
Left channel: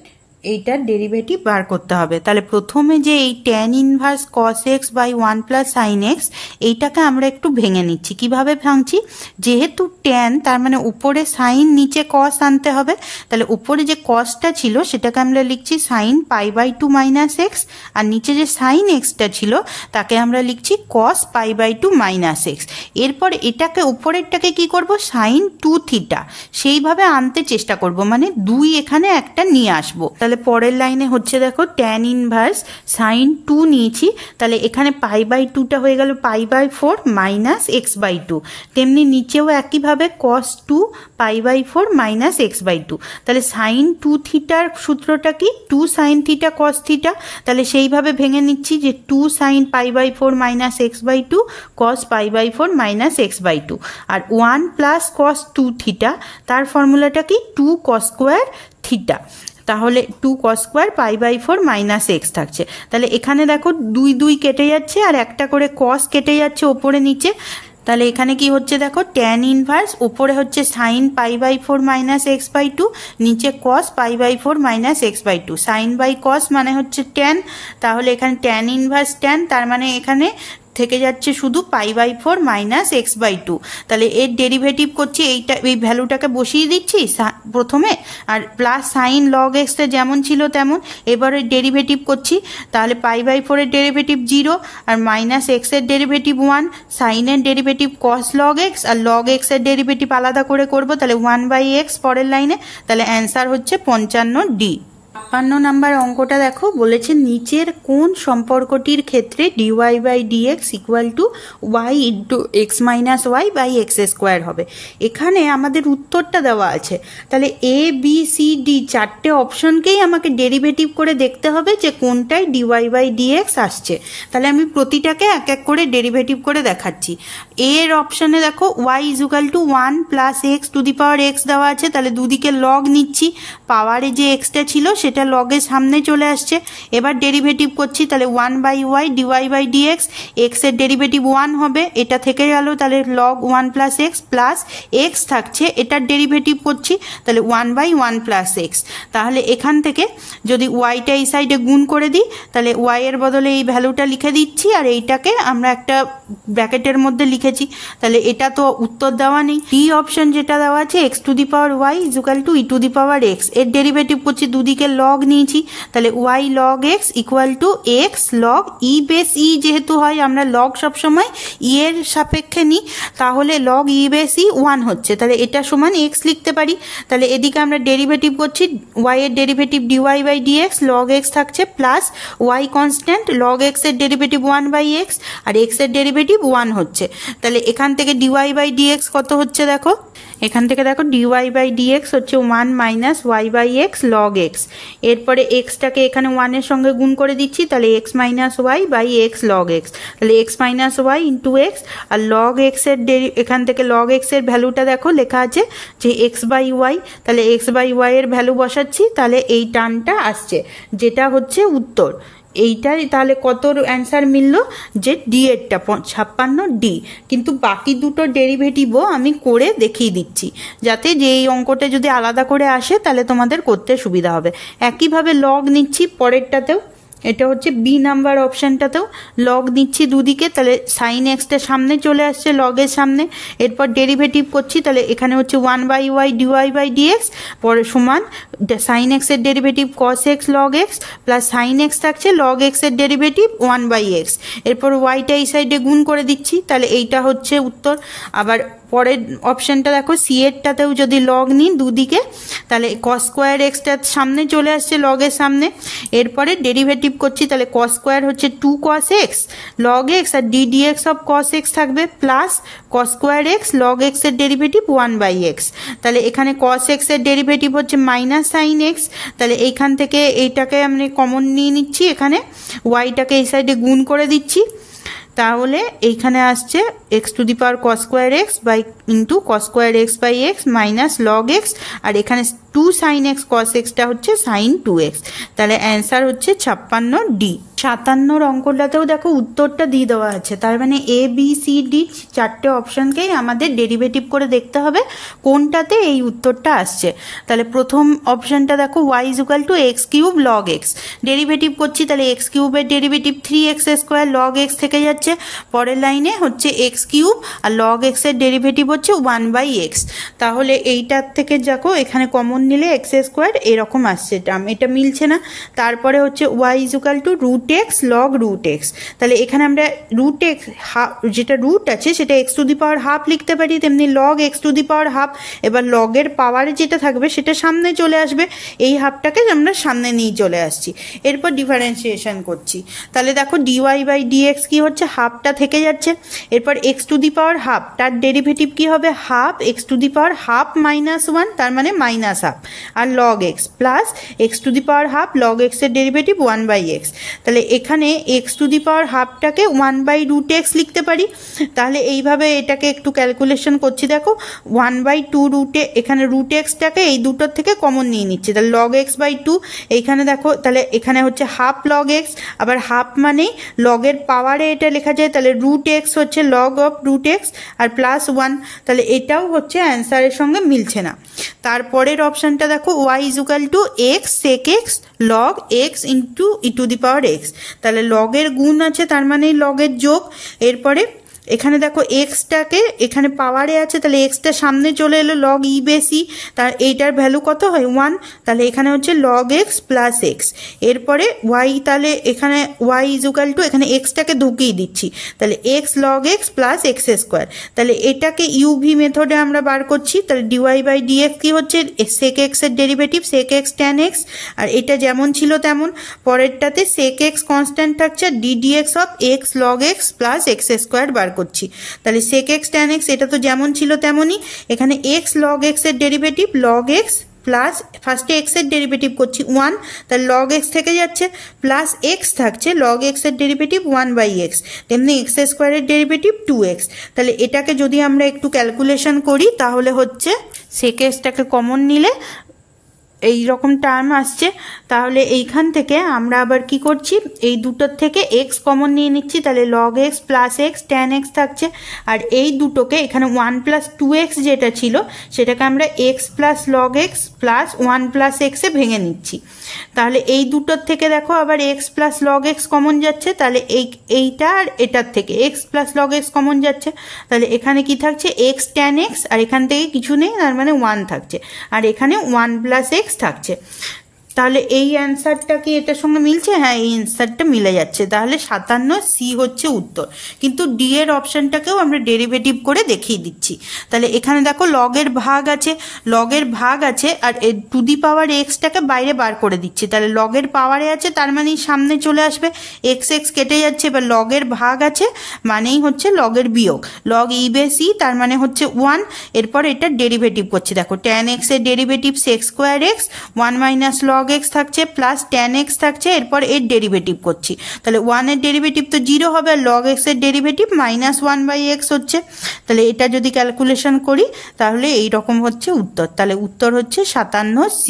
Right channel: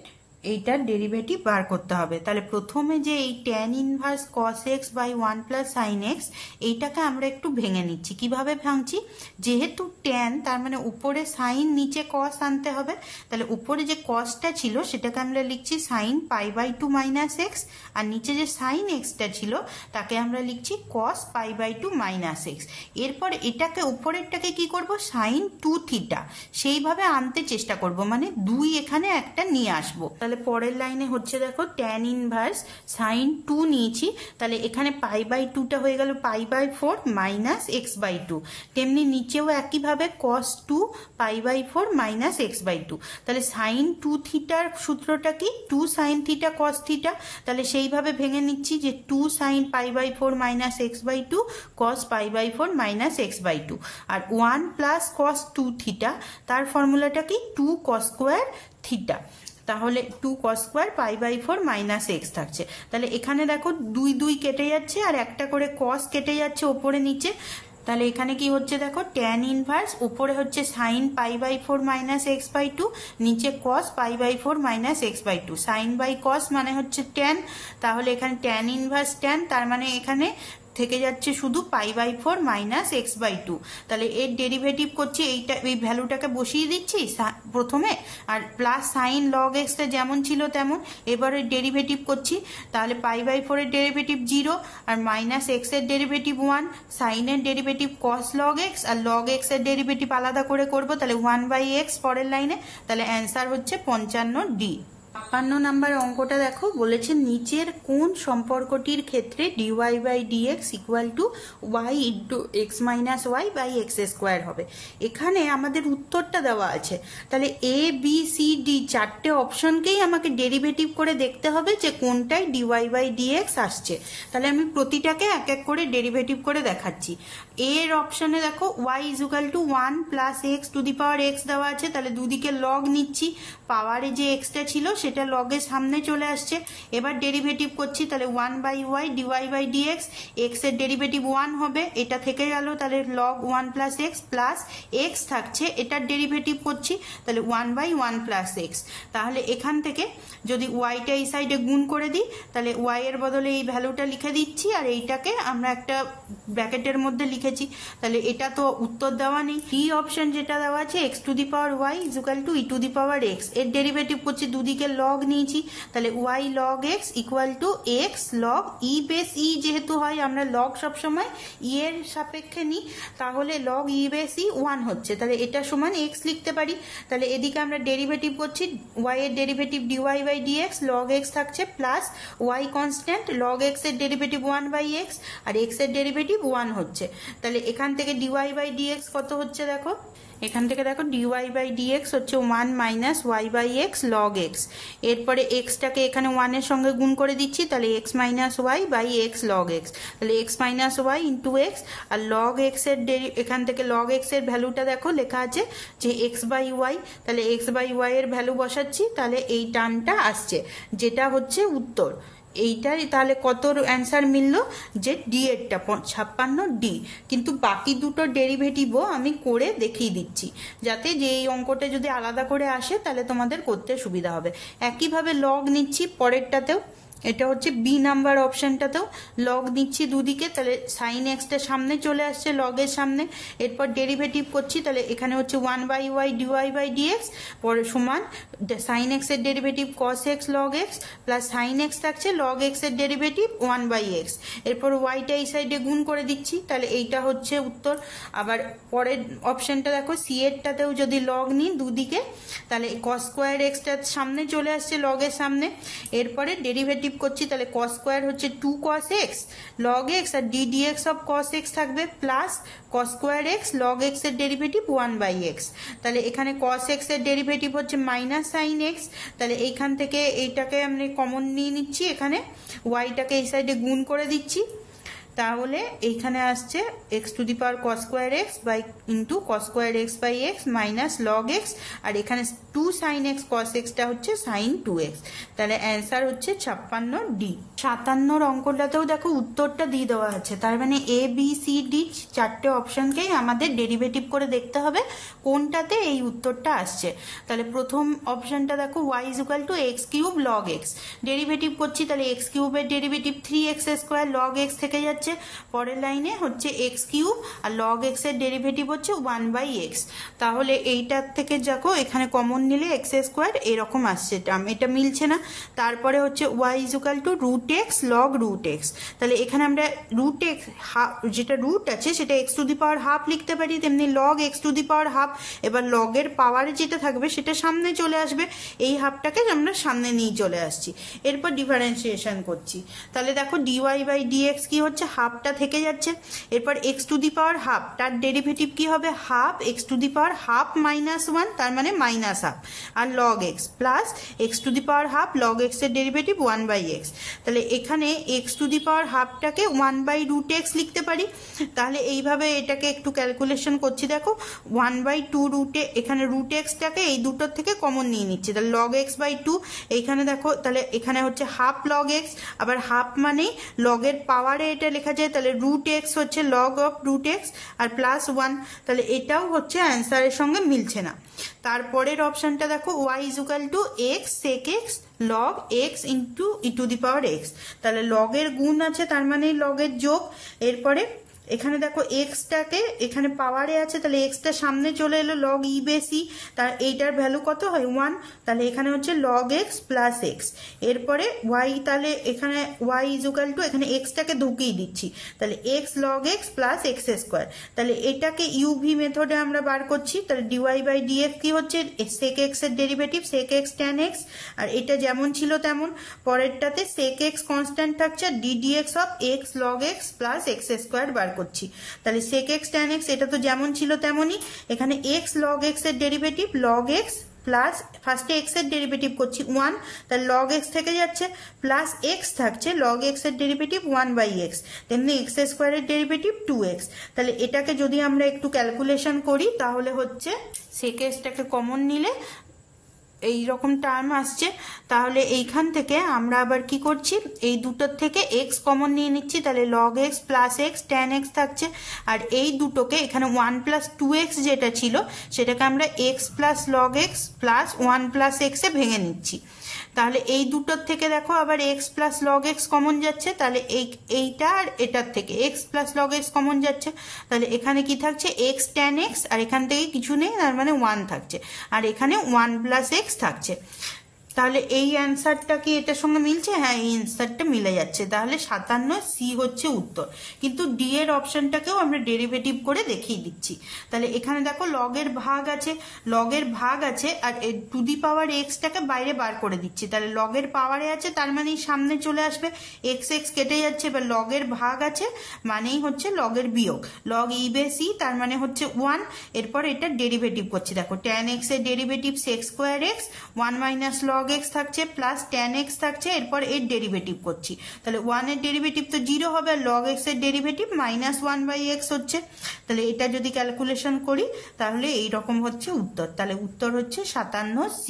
এইটার ডেরিভেটিভ বার করতে হবে। তাহলে প্রথমে যে এই tan inverse cos x by 1 plus sine x, এইটাকে আমরা একটু ভেঙে নিচ্ছি। কিভাবে ভাঙছি, যেহেতু ট্যান তার মানে উপরে সাইন নিচে কস আনতে হবে। তাহলে উপরে যে কসটা ছিল সেটাকে আমরা লিখছি sine pi by 2 minus x, আর নিচে যে সাইন এক্সটা ছিল তাকে আমরা লিখছি cos pi by 2 minus x. এরপর এটাকে উপরেরটাকে কি করব, সাইন 2 থিটা সেইভাবে আনতে চেষ্টা করব, মানে 2 এখানে একটা নিয়ে আসবো। তাহলে পরের লাইনে হচ্ছে দেখো ট্যান ইনভার্স সাইন 2 নিয়েছি, তাহলে এখানে পাই বাই 2টা হয়ে গেল pi by 4 minus x by 2। তেমনি নিচেও একইভাবে cos 2 pi by 4 minus x by 2। তাহলে সাইন 2 থিটার সূত্রটা কি, 2 সাইন থিটা কস থিটা। তাহলে সেইভাবে ভেঙে নিচ্ছি যে 2 sine pi by 4 minus x by 2 cos pi by 4 minus x by 2, আর 1 প্লাস কস 2 থিটা, তার ফর্মুলাটা কি 2 কস স্কোয়ার থিটা। তাহলে 2 cos square pi by 4 minus x থাকছে। তাহলে এখানে দেখো 2 2 কেটে যাচ্ছে, আর একটা করে কস কেটে যাচ্ছে ওপরে নিচে। তাহলে এখানে কি হচ্ছে দেখো, ট্যান ইনভার্স উপরে হচ্ছে sine pi by 4 minus x by 2, নিচে cos pi by 4 minus x by 2। Sine by cos মানে হচ্ছে ট্যান, তাহলে এখানে ট্যান ইনভার্স ট্যান, তার মানে এখানে থেকে যাচ্ছে শুধু pi by 4 minus x by 2। তাহলে এর ডেরিভেটিভ করছি, এইটা এই ভ্যালুটাকে বসিয়ে দিচ্ছি প্রথমে, আর প্লাস সাইন লগ এক্সটা যেমন ছিল তেমন। এবারে ডেরিভেটিভ করছি, তাহলে পাই বাই 4 এর ডেরিভেটিভ 0, আর মাইনাস এক্স এর ডেরিভেটিভ 1, সাইনের ডেরিভেটিভ কস লগ এক্স, আর লগ এক্স এর ডেরিভেটিভ আলাদা করে করব। তাহলে 1 বাই এক্স পরের লাইনে। তাহলে অ্যান্সার হচ্ছে 55 ডি। 56 নাম্বার অঙ্কটা দেখো, বলেছে নিচের কোন সম্পর্কটির ক্ষেত্রে dy by dx equal to y into x minus y by x square হবে। এখানে আমাদের উত্তরটা দেওয়া আছে, তাহলে এ বি সি ডি চারটে অপশনকেই আমাকে ডেরিভেটিভ করে দেখতে হবে যে কোনটায় dy বাই dx আসছে। তাহলে আমি প্রতিটাকে এক এক করে ডেরিভেটিভ করে দেখাচ্ছি। এর অপশনে দেখো y equal to 1 plus x to the power x দেওয়া আছে, তাহলে দুদিকে লগ নিচ্ছি, পাওয়ারে যে এক্সটা ছিল সেটা লগের সামনে চলে আসছে। এবার ডেরিভেটিভ করছি, তাহলে 1 by y dy by dx, x এর ডেরিভেটিভ 1 হবে, এটা থেকে গেল, তাহলে log 1 plus x plus x থাকছে, এটার ডেরিভেটিভ করছি, তাহলে 1 বাই 1 প্লাস এক্স। তাহলে এখান থেকে যদি ওয়াইটা এই সাইডে গুণ করে দিই, তাহলে ওয়াই এর বদলে এই ভ্যালুটা লিখে দিচ্ছি, আর এইটাকে আমরা একটা ব্র্যাকেটের মধ্যে লিখেছি। তাহলে এটা তো উত্তর দেওয়া নেই। ডি অপশন যেটা দেওয়া আছে x to the power y equal to e to the power x, এর ডেরিভেটিভ করছি, দুদিকে লগ নিয়েছি, তাহলে y log x equal to x log e base e, যেহেতু হয় আমরা লগ সবসময় ই এর সাপেক্ষে নিই, তাহলে লগ ই বেস ই 1 হচ্ছে, তাহলে এটা সমান এক্স লিখতে পারি। তাহলে এদিকে আমরা ডেরিভেটিভ করছি, ওয়াই এর derivative dy by d x, log x থাকছে plus y constant, log x এর ডেরিভেটিভ 1 বাই এক্স, আর এক্স এর ডেরিভেটিভ 1 হচ্ছে। তাহলে এখান থেকে ডিওয়াই বাই ডিএক্স কত হচ্ছে দেখো, এখান থেকে দেখো ডিওয়াই বাই ডিএক্স হচ্ছে 1 minus y by x log x, এরপরে এক্সটাকে এখানে 1 এর সঙ্গে গুণ করে দিচ্ছি, তাহলে x minus y by x log x, তাহলে x minus y into x, আর লগ এক্স এর এখান থেকে লগ এক্স এর ভ্যালুটা দেখো লেখা আছে যে এক্স বাই ওয়াই, তাহলে এক্স বাই ওয়াই এর ভ্যালু বসাচ্ছি, তাহলে এই টার্মটা আসছে, যেটা হচ্ছে উত্তর। এইটার তাহলে কত অ্যান্সার মিলল, যে ডি এরটা 56 ডি। কিন্তু বাকি দুটো ডেরিভেটিভও আমি করে দেখিয়ে দিচ্ছি, যাতে যে এই অঙ্কটা যদি আলাদা করে আসে তাহলে তোমাদের করতে সুবিধা হবে। একইভাবে লগ নিচ্ছি পরেরটাতেও, এটা হচ্ছে বি নাম্বার অপশানটাতেও লগ নিচ্ছি দুদিকে, তাহলে সাইন এক্সটা সামনে চলে আসছে লগের সামনে, এরপর ডেরিভেটিভ করছি, তাহলে এখানে হচ্ছে 1 by y dy by dx পরে সমান সাইন এক্স এর derivative cos x log x plus sine x থাকছে লগ এক্স এর ডেরিভেটিভ 1 বাই এক্স, এরপর ওয়াইটা এই সাইডে গুণ করে দিচ্ছি, তাহলে এইটা হচ্ছে উত্তর। আবার পরের অপশানটা দেখো সি এরটাতেও যদি লগ নিই দুদিকে, তাহলে কস স্কোয়ার এক্সটা সামনে চলে আসছে লগের সামনে, এরপরে ডেরিভেটিভ করছি, তাহলে কস স্কোয়ার হচ্ছে 2 কস এক্স লগ এক্স, আর d dx of cos x থাকবে plus cos square x log x এর ডেরিভেটিভ 1 বাই এক্স, তাহলে এখানে কস এক্স এর ডেরিভেটিভ হচ্ছে মাইনাস সাইন এক্স, তাহলে এইখান থেকে এইটাকে আমরা কমন নিয়ে নিচ্ছি, এখানে ওয়াইটাকে এই সাইডে গুণ করে দিচ্ছি, তাহলে এইখানে আসছে x to the power cos square x by into cos square x by x minus log x, আর এখানে 2 সাইন এক্স কস এক্সটা হচ্ছে সাইন 2x। তাহলে অ্যান্সার হচ্ছে 56D। 57 অঙ্কটাতেও দেখো উত্তরটা দিয়ে দেওয়া আছে, তার মানে এ বি সি ডি চারটে অপশনকেই আমাদের ডেরিভেটিভ করে দেখতে হবে কোনটাতে এই উত্তরটা আসছে। তাহলে প্রথম অপশনটা দেখো y equal to x cube log x, derivative করছি, তাহলে এক্স কিউবের derivative 3x square log x থেকে যাচ্ছে। পরের লাইনে হচ্ছে এক্স কিউব আর লগ এক্সের ডেরিভেটিভ হচ্ছে 1/x। তাহলে এইটার থেকে দেখো এখানে কমন নিলে এক্স স্কোয়ার এরকম আসছে টার্ম, এটা মিলছে না। তারপরে হচ্ছে y equal to root x log root x, তাহলে এখানে আমরা রুট এক্স যেটা রুট আছে সেটা x to the power half লিখতে পারি, তেমনি log x to the power half. এবার লগের পাওয়ারে যেটা থাকবে সেটা সামনে চলে আসবে, এই হাফটাকে আমরা সামনে নিয়ে চলে আসছি। এরপর ডিফারেন্সিয়েশন করছি, তাহলে দেখো ডিওয়াই বাই ডিএক্স কি হচ্ছে, হাফটা থেকে যাচ্ছে। এরপর x to the power half, তার ডেরিভেটিভ কি হবে, half x to the power half minus 1, তার মানে মাইনাস হাফ, আর log x plus x to the power half log এক্সের ডেরিভেটিভ 1/x। তাহলে এখানে x to the power হাফটাকে 1/√x লিখতে পারি। তাহলে এইভাবে এটাকে একটু ক্যালকুলেশন করছি, দেখো 1/2 রুটে, এখানে রুট এক্সটাকে এই দুটোর থেকে কমন নিয়ে নিচ্ছে, তাহলে লগ এক্স বাই 2। এইখানে দেখো তাহলে এখানে হচ্ছে হাফ লগ এক্স, আবার হাফ মানে লগের পাওয়ারে এটা লেখা যায়, তাহলে রুট এক্স হচ্ছে লগ অফ রুট এক্স আর প্লাস 1, তাহলে এটাও হচ্ছে অ্যান্সারের সঙ্গে মিলছে না। তারপরের অপশানটা দেখো y equal to x sec x log x into e to the power x, তাহলে লগের গুণ আছে তার মানে লগের যোগ। এরপরে এখানে দেখো এক্সটাকে এখানে পাওয়ারে আছে, তাহলে এক্সটা সামনে চলে এলো লগ ই বেসি, তার এইটার ভ্যালু কত হয় 1, তাহলে এখানে হচ্ছে লগ এক্স প্লাস এক্স। এরপরে ওয়াই, তাহলে এখানে ওয়াই ইকুয়াল টু এখানে এক্সটাকে ঢুকিয়ে দিচ্ছি, তাহলে x log x plus x square, তাহলে এটাকে ইউভি মেথডে আমরা বার করছি। তাহলে ডিওয়াই বাই ডিএক্স কি হচ্ছে, সেক এক্সের derivative sec x tan x, আর এটা যেমন ছিল তেমন। পরেরটাতে সেক এক্স কনস্ট্যান্ট থাকছে, d d x of x log x plus x square বার করছি। তাহলে সেক এক্স ট্যান এক্স এটা তো যেমন ছিল তেমনই, এখানে এক্স লগ এক্স এর ডেরিভেটিভ লগ এক্স প্লাস ফার্স্টে এক্স এর ডেরিভেটিভ করছি 1, তাহলে লগ এক্স থেকে যাচ্ছে, প্লাস এক্স থাকছে লগ এক্স এর ডেরিভেটিভ 1/x, তেমনি এক্স স্কোয়ারের ডেরিভেটিভ 2x। তাহলে এটাকে যদি আমরা একটু ক্যালকুলেশন করি তাহলে হচ্ছে সেক এক্সটাকে কমন নিলে এই রকম টার্ম আসছে। তাহলে এইখান থেকে আমরা আবার কি করছি, এই দুটোর থেকে এক্স কমন নিয়ে নিচ্ছি, তাহলে log x plus x tan x থাকছে, আর এই দুটোকে এখানে 1 + 2x যেটা ছিল সেটাকে আমরা x plus log x plus 1 + x এ ভেঙে নিচ্ছি। তাহলে এই দুটোর থেকে দেখো আবার x plus log x common যাচ্ছে, তাহলে এইটা আর এটার থেকে x plus log x common যাচ্ছে, তাহলে এখানে কি থাকছে এক্স ট্যান এক্স, আর এখান থেকে কিছু নেই তার মানে 1 থাকছে, আর এখানে 1 + x থাকছে। তাহলে এই অ্যান্সারটা কি এটার সঙ্গে মিলছে, হ্যাঁ এই অ্যান্সারটা মিলে যাচ্ছে। তাহলে 57C হচ্ছে উত্তর, কিন্তু ডি এর অপশনটাকেও আমরা ডেরিভেটিভ করে দেখিয়ে দিচ্ছি। তাহলে এখানে দেখো লগের ভাগ আছে আর টু দি পাওয়ার এক্সটাকে বাইরে বার করে দিচ্ছি, তাহলে লগের পাওয়ারে আছে তার মানেই সামনে চলে আসবে, এক্স এক্স কেটে যাচ্ছে, এবার লগের ভাগ আছে মানেই হচ্ছে লগের বিয়োগ, লগ ই বেস ই তার মানে হচ্ছে 1। এরপর এটা ডেরিভেটিভ করছি, দেখো ট্যান এক্স এর derivative sec square x 1 - log x থাকছে প্লাস ট্যান এক্স থাকছে, এরপর এর ডেরিভেটিভ করছি, তাহলে 1 এর ডেরিভেটিভ তো 0 হবে, আর লগ এক্স এর ডেরিভেটিভ -1/x হচ্ছে। তাহলে এটা যদি ক্যালকুলেশন করি তাহলে এই রকম হচ্ছে উত্তর, তাহলে উত্তর হচ্ছে 57C।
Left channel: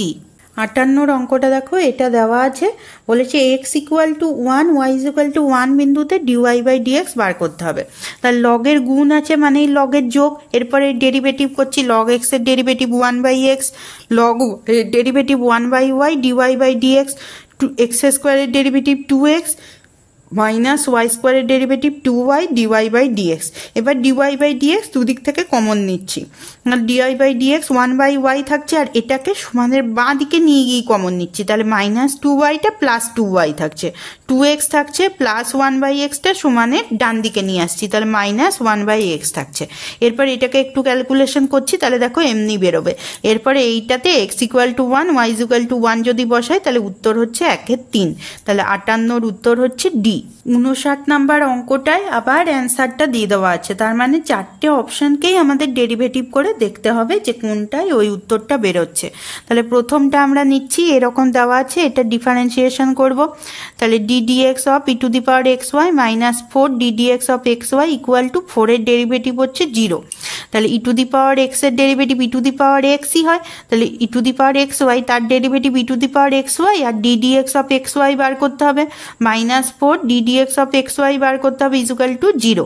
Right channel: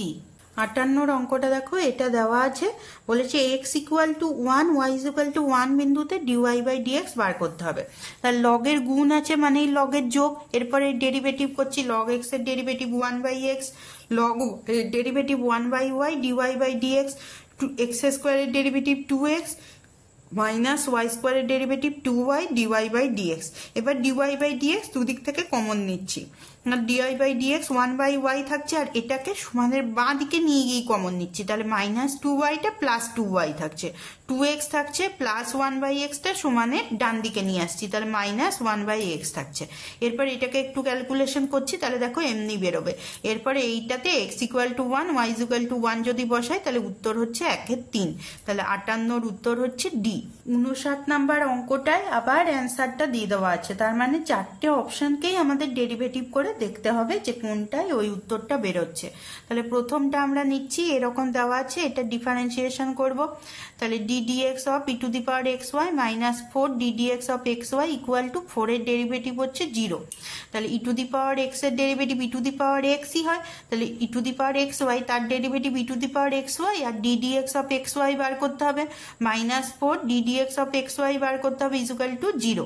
58 অঙ্কটা দেখো, এটা দেওয়া আছে, বলেছে x equal to 1 y equal to 1 বিন্দুতে ডিওয়াই বাই ডিএক্স বার করতে হবে। তাহলে লগের গুণ আছে মানেই লগের যোগ, এরপরে ডেরিভেটিভ করছি, লগ এক্স এর derivative 1/x, log derivative 1/y dy by dx, x স্কোয়ারের ডেরিভেটিভ 2x মাইনাস ওয়াই স্কোয়ারের derivative 2y dy by dx. এবার ডিওয়াই বাই ডিএক্স দুদিক থেকে কমন নিচ্ছি, ডিওয়াই বাই ডিএক্স 1/y থাকছে, আর এটাকে সমানের বাঁ দিকে নিয়ে গিয়ে কমন নিচ্ছি, তাহলে -2yটা প্লাস 2y থাকছে, 2x থাকছে প্লাস 1/xটা সমানের ডান দিকে নিয়ে আসছি, তাহলে -1/x থাকছে। এরপর এটাকে একটু ক্যালকুলেশন করছি, তাহলে দেখো এমনি বেরোবে। এরপরে এইটাতে x equal to 1 y equal to 1 যদি বসাই তাহলে উত্তর হচ্ছে 1/3, তাহলে 58 উত্তর হচ্ছে ডি। 59 নাম্বার অঙ্কটায় আবার অ্যান্সারটা দিয়ে দেওয়া আছে, তার মানে 4টে অপশনকেই আমাদের ডেরিভেটিভ করে দেখতে হবে যে কোনটায় ওই উত্তরটা বেরোচ্ছে। তাহলে প্রথমটা আমরা নিচ্ছি, এরকম দেওয়া আছে, এটা ডিফারেন্সিয়েশন করব। তাহলে d d x of e to the power x y minus 4 d d x of x y equal to 4-এর ডেরিভেটিভ হচ্ছে 0। তাহলে ই টু দি পাওয়ার এক্সের ডেরিভেটিভ ই টু দি পাওয়ার এক্সই হয়, তাহলে e to the power x y তার derivative e to the power x y, আর d d x of x y বার করতে হবে, minus 4 d d x of x y বার করতে হবে ইকুয়াল টু 0।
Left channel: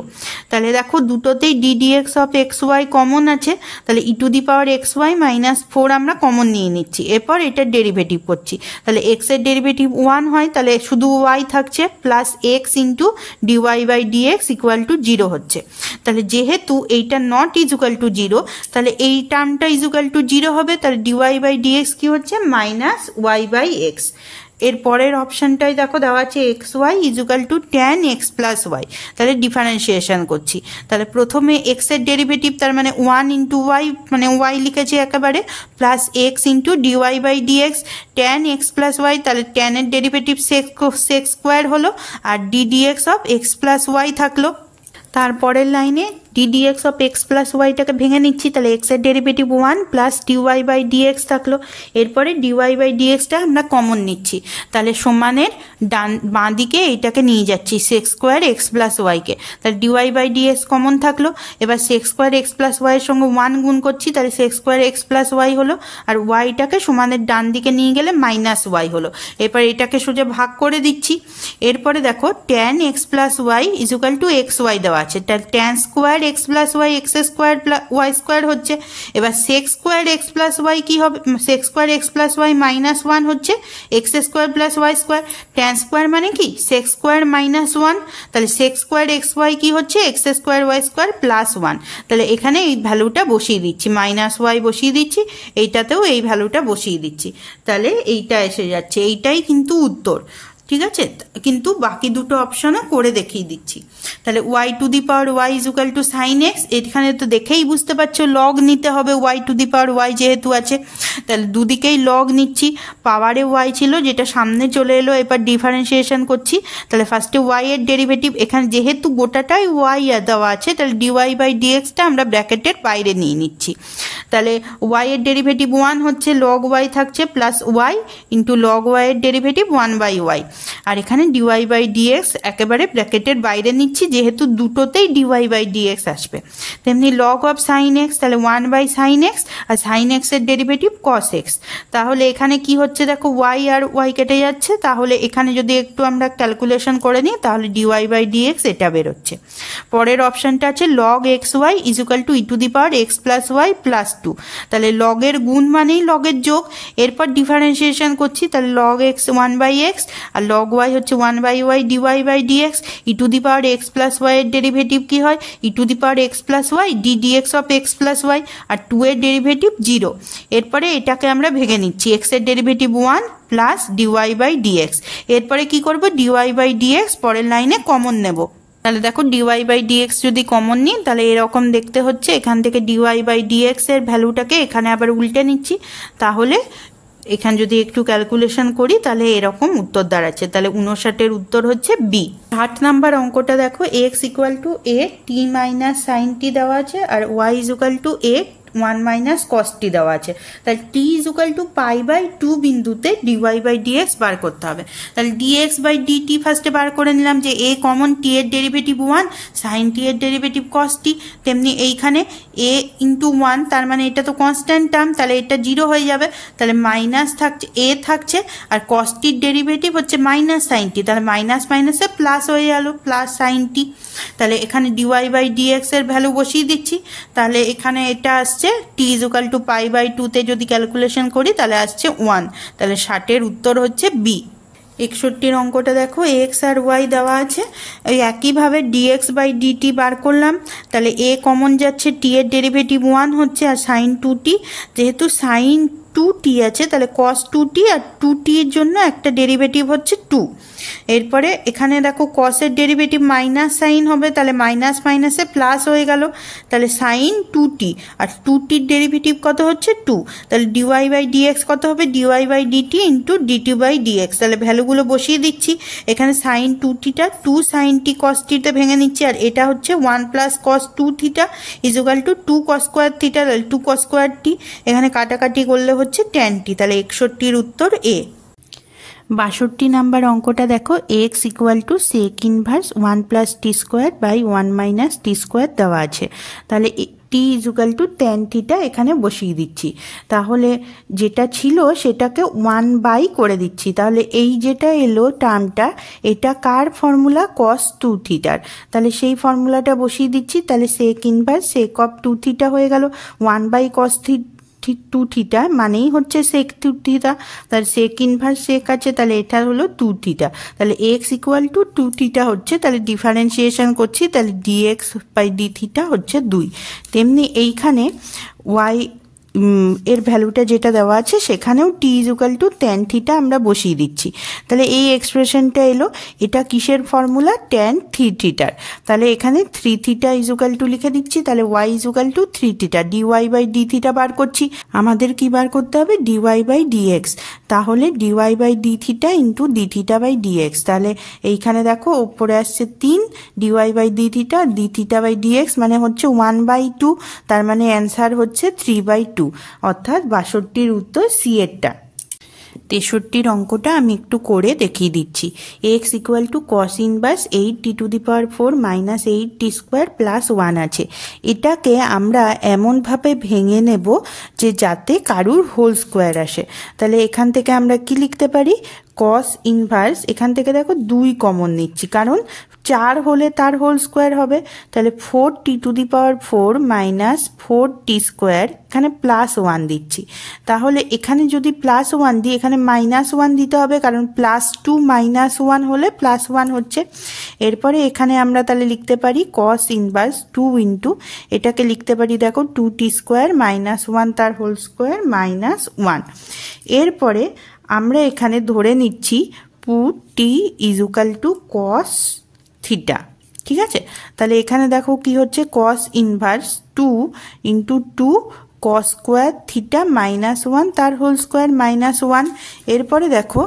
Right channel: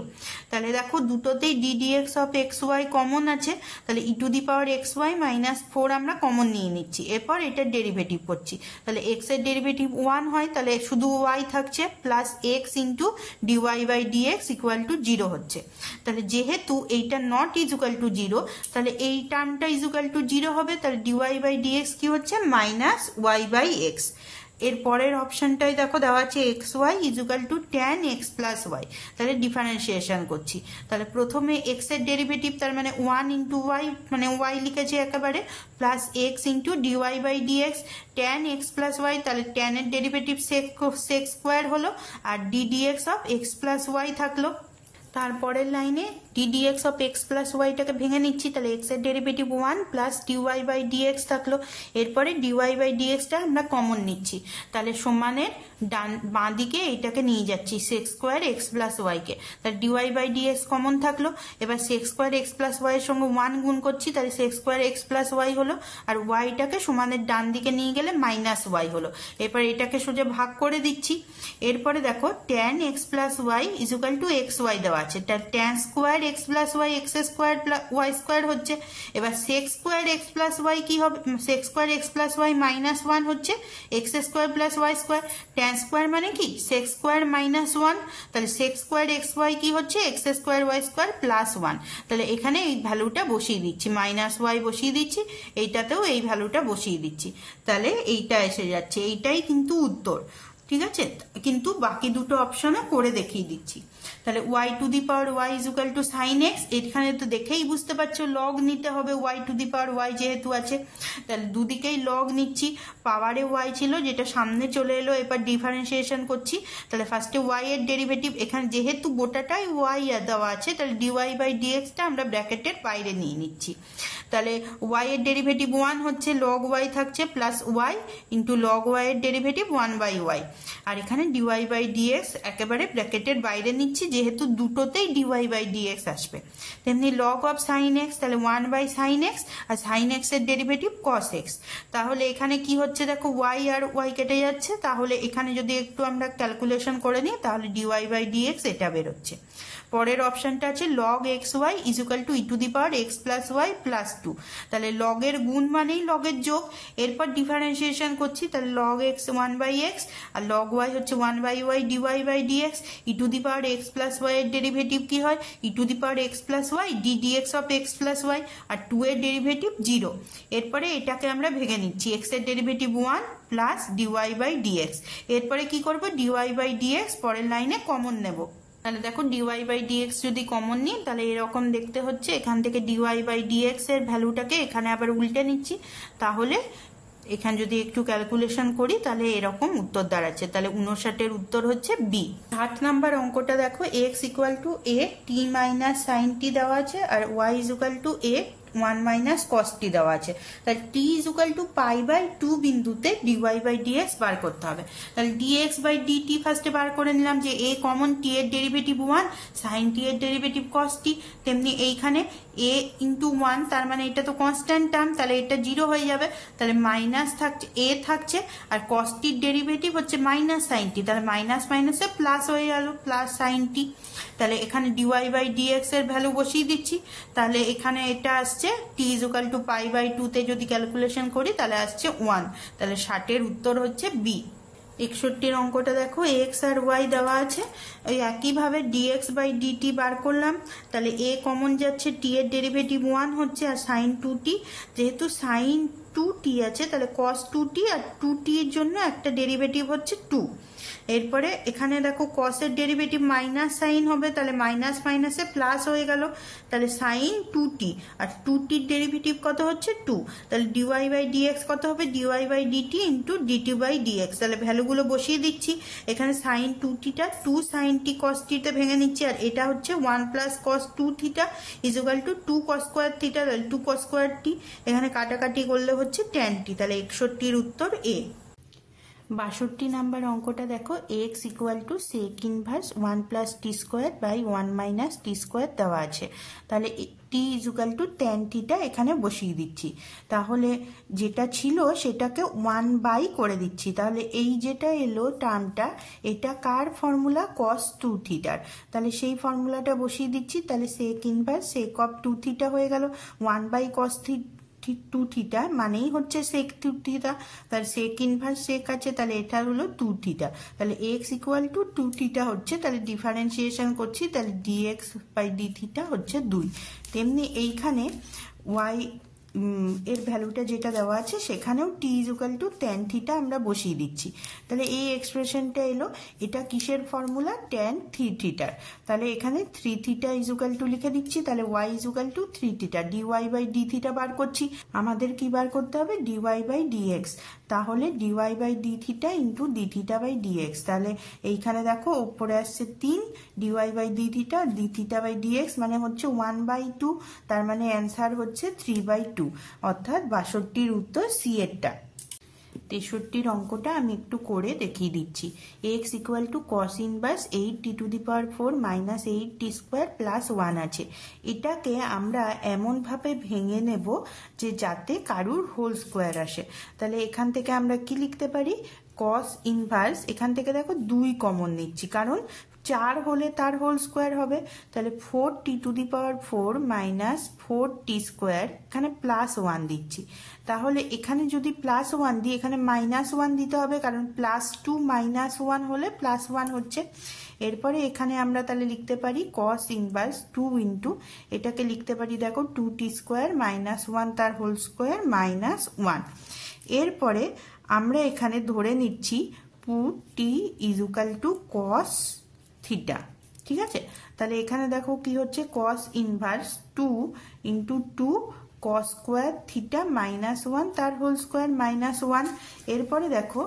তাহলে দেখো দুটোতেই d d x of x y common আছে, তাহলে e to the power x y minus 4 আমরা কমন নিয়ে নিচ্ছি, এরপর এটার ডেরিভেটিভ করছি। তাহলে এক্সের ডেরিভেটিভ 1 হয়, তাহলে শুধু ওয়াই থাকছে, plus x into dy by dx equal to 0 হচ্ছে। তাহলে যেহেতু এইটা নট ইকুয়াল টু 0, তাহলে এই টার্মটা ইকুয়াল টু 0 হবে, তাহলে ডিওয়াই বাই ডিএক্স কি হচ্ছে মাইনাস ওয়াই বাই এক্স। এর পরের অপশনটাই দেখো দেওয়া আছে x y equal to tan x plus y. তাহলে ডিফারেন্সিয়েশন করছি, তাহলে প্রথমে এক্সের ডেরিভেটিভ তার মানে 1 ইন্টু ওয়াই, মানে ওয়াই লিখেছি একেবারে, plus x into dy by d x tan x plus y, তাহলে ট্যানের ডেরিভেটিভ সেক্স স্কোয়ার হলো, আর d d x of x plus y থাকলো। তারপরের লাইনে ডিডিএক্স অফ এক্স প্লাস ওয়াইটাকে ভেঙে নিচ্ছি, তাহলে এক্সের derivative 1 plus dy by dx থাকলো, এরপরে ডিওয়াই বাই ডিএক্সটা আমরা কমন নিচ্ছি, তাহলে সমানের বাঁ দিকে এইটাকে নিয়ে যাচ্ছি সেক্স স্কোয়ার এক্স প্লাস ওয়াইকে, তাহলে ডিওয়াই বাই ডিএক্স কমন থাকলো। এবার সেক্স স্কোয়ার এক্স প্লাস ওয়াইয়ের সঙ্গে 1 গুণ করছি, তাহলে sec square x plus y হলো, আর ওয়াইটাকে সমানের ডান দিকে নিয়ে গেলে মাইনাস ওয়াই হলো। এরপর এটাকে সোজা ভাগ করে দিচ্ছি। এরপরে দেখো tan x plus y equal to x y দেওয়া আছে, তাহলে tan square x plus y x square y square হচ্ছে। এবার sec square x plus y কি হবে, sec square x plus y minus 1 হচ্ছে x square plus y square. Tan square মানে কি সেক্স স্কোয়ার মাইনাস 1, তাহলে সেক্স স্কোয়ার এক্স ওয়াই কি হচ্ছে x square y square plus 1। তাহলে এখানে এই ভ্যালুটা বসিয়ে দিচ্ছি, মাইনাস ওয়াই বসিয়ে দিচ্ছি, এইটাতেও এই ভ্যালুটা বসিয়ে দিচ্ছি, তাহলে এইটা এসে যাচ্ছে, এইটাই কিন্তু উত্তর। ঠিক আছে, কিন্তু বাকি দুটো অপশনও করে দেখিয়ে দিচ্ছি। তাহলে y to the power y equal to sine x, এখানে তো দেখেই বুঝতে পারছো লগ নিতে হবে, y to the power y যেহেতু আছে, তাহলে দুদিকেই লগ নিচ্ছি। পাওয়ারে ওয়াই ছিল যেটা সামনে চলে এলো, এবার ডিফারেন্সিয়েশন করছি। তাহলে ফার্স্টে ওয়াই এর ডেরিভেটিভ, এখানে যেহেতু গোটাটাই ওয়াই দেওয়া আছে, তাহলে ডিওয়াই বাই ডিএক্সটা আমরা ব্র্যাকেটের বাইরে নিয়ে নিচ্ছি। তাহলে ওয়াই এর ডেরিভেটিভ 1 হচ্ছে, লগ ওয়াই থাকছে plus y into log y এর ডেরিভেটিভ 1 বাই ওয়াই, আর এখানে ডিওয়াই বাই ডিএক্স একেবারে ব্র্যাকেটের বাইরে নিচ্ছি, যেহেতু দুটোতেই ডিওয়াই বাই ডিএক্স আসবে। তেমনি লগ অফ সাইন এক্স, তাহলে 1 বাই সাইন এক্স, আর সাইন এক্স এর ডেরিভেটিভ কস এক্স। তাহলে এখানে কি হচ্ছে দেখো ওয়াই আর ওয়াই কেটে যাচ্ছে, তাহলে এখানে যদি একটু আমরা ক্যালকুলেশন করে নিই তাহলে ডিওয়াই বাই ডিএক্স এটা বেরোচ্ছে। পরের অপশনটা আছে log x y equal to e to the power x plus y plus 2, তাহলে লগের গুণ মানেই লগের যোগ, এরপর ডিফারেন্সিয়েশন করছি, তাহলে লগ এক্স 1 বাই এক্স, আর লগ ওয়াই হচ্ছে 1 by y dy by d x, e to the power x plus y এর ডেরিভেটিভ কি হয় e to the power x plus y d d x of x plus y, আর 2 এর derivative 0। এরপরে এটাকে আমরা ভেঙে নিচ্ছি, এক্স এর derivative 1 plus dy by dx, এরপরে কি করব ডিওয়াই বাই ডিএক্স পরের লাইনে কমন নেব। তাহলে দেখো ডিওয়াই বাই ডিএক্স যদি কমন নিই তাহলে এরকম দেখতে হচ্ছে, এখান থেকে ডিওয়াই বাই ডিএক্স এর ভ্যালুটাকে এখানে আবার উল্টে নিচ্ছি, তাহলে এখানে যদি একটু ক্যালকুলেশন করি তাহলে এরকম উত্তর দাঁড়াচ্ছে। তাহলে 59-এর উত্তর হচ্ছে বি। 8 নাম্বার অঙ্কটা দেখো x equal to a t minus sine t দেওয়া আছে, আর y equal to a 1 minus cos t দেওয়া আছে। তাহলে t equal to pi by 2 বিন্দুতে ডিওয়াই বাই ডিএক্স বার করতে হবে। তাহলে ডিএক্স বাই ডিটি ফার্স্টে বার করে নিলাম, যে এ কমন, টি এর ডেরিভেটিভ 1, সাইন টি এর ডেরিভেটিভ কস টি, তেমনি এইখানে এ ইন্টু 1, তার মানে এটা তো কনস্ট্যান্ট টার্ম, তাহলে এটা 0 হয়ে যাবে, তাহলে মাইনাস থাকছে এ থাকছে, আর কস টির ডেরিভেটিভ হচ্ছে মাইনাস সাইন টি, তাহলে মাইনাস মাইনাসে প্লাস হয়ে গেল প্লাস সাইন টি। তাহলে এখানে ডিওয়াই বাই ডিএক্স এর ভ্যালু বসিয়ে দিচ্ছি, তাহলে এখানে এটা আসছে টি ইকুয়াল টু পাই বাই 2 তে যদি ক্যালকুলেশন করি তাহলে আসছে 1, তাহলে 60-এর উত্তর হচ্ছে বি। 61-এর অঙ্কটা দেখো এক্স আর ওয়াই দেওয়া আছে, ওই একইভাবে ডিএক্স বাই ডিটি বার করলাম, তাহলে এ কমন যাচ্ছে, টি এর ডেরিভেটিভ 1 হচ্ছে, আর সাইন 2টি, যেহেতু সাইন 2t আছে তাহলে কস 2t, আর 2t এর জন্য একটা ডেরিভেটিভ হচ্ছে 2। এরপরে এখানে দেখো কসের ডেরিভেটিভ মাইনাস সাইন হবে, তাহলে মাইনাস মাইনাসে প্লাস হয়ে গেল, তাহলে সাইন 2t, আর 2tর ডেরিভেটিভ কত হচ্ছে 2, তাহলে ডিওয়াই বাই ডিএক্স কত হবে dy by dt into dt by dx. তাহলে ভ্যালুগুলো বসিয়ে দিচ্ছি, এখানে সাইন 2tটা 2 সাইন টি কস টিতে ভেঙে নিচ্ছি, আর এটা হচ্ছে 1 plus cos 2 theta equal to 2 cos square theta, তাহলে 2 কস স্কোয়ার টি, এখানে কাটাকাটি করলে হচ্ছে tan টি, তাহলে 61-র উত্তর এ। 62 নাম্বার অঙ্কটা দেখো, x equal to sec inverse 1 plus t square by 1 minus t square দেওয়া আছে, তাহলে t equal to tan theta এখানে বসিয়ে দিচ্ছি, তাহলে যেটা ছিল সেটাকে 1 বাই করে দিচ্ছি, তাহলে এই যেটা এলো টার্মটা এটা কার ফর্মুলা কস 2 থিটার, তাহলে সেই ফর্মুলাটা বসিয়ে দিচ্ছি, তাহলে sec inverse sec of 2 theta হয়ে গেল 1 বাই কস 2 থিটা মানেই হচ্ছে সেক 2 থিটা, তাহলে সেক ইনভার্স সেক আছে, তাহলে এটা হলো 2 থিটা, তাহলে এক্স ইকুয়াল টু 2 থিটা হচ্ছে, তাহলে ডিফারেন্সিয়েশন করছি, তাহলে ডিএক্স বাই ডি থিটা হচ্ছে 2। তেমনি এইখানে ওয়াই এর ভ্যালুটা যেটা দেওয়া আছে সেখানেও টি ইজুকাল টু ট্যান থিটা আমরা বসিয়ে দিচ্ছি, তাহলে এই এক্সপ্রেশনটা এলো, এটা কিসের ফর্মুলা ট্যান 3 থিটার, তাহলে এখানে 3 থিটা ইজুকাল টু লিখে দিচ্ছি, তাহলে y equal to 3 theta, d y by d theta বার করছি, আমাদের কি বার করতে হবে ডিওয়াই বাই ডিএক্স, তাহলে dy by d theta into d theta by dx, তাহলে এইখানে দেখো উপরে আসছে 3 d y by d theta by dx মানে হচ্ছে 1/2, তার মানে অ্যান্সার হচ্ছে 3/2, অর্থাৎ 62-র উত্তর সি এরটা। 63-র অঙ্কটা আমি একটু করে দেখিয়ে দিচ্ছি, x equal to cos inverse 8t⁴ minus 8t square plus 1 আছে, এটাকে আমরা এমনভাবে ভেঙে নেব যে যাতে কারুর হোল স্কোয়ার আসে, তাহলে এখান থেকে আমরা কি লিখতে পারি কস ইনভার্স, এখান থেকে দেখো 2 কমন নিচ্ছি কারণ 4 হলে তার হোল স্কোয়ার হবে, তাহলে 4t⁴ মাইনাস 4t স্কোয়ার, এখানে প্লাস 1 দিচ্ছি, তাহলে এখানে যদি প্লাস 1 দিই এখানে মাইনাস 1 দিতে হবে কারণ +2 - 1 হলে +1 হচ্ছে, এরপরে এখানে আমরা তাহলে লিখতে পারি কস ইনভার্স 2 ইন্টু এটাকে লিখতে পারি দেখো 2t স্কোয়ার মাইনাস 1 তার হোল স্কোয়ার মাইনাস 1, এরপরে আমরা এখানে ধরে নিচ্ছি পুট টি ইজুকাল টু কস থিটা, ঠিক আছে, তাহলে এখানে দেখো কি হচ্ছে cos inverse 2 into 2 cos square theta minus 1 তার হোল স্কোয়ার মাইনাস 1, এরপরে দেখো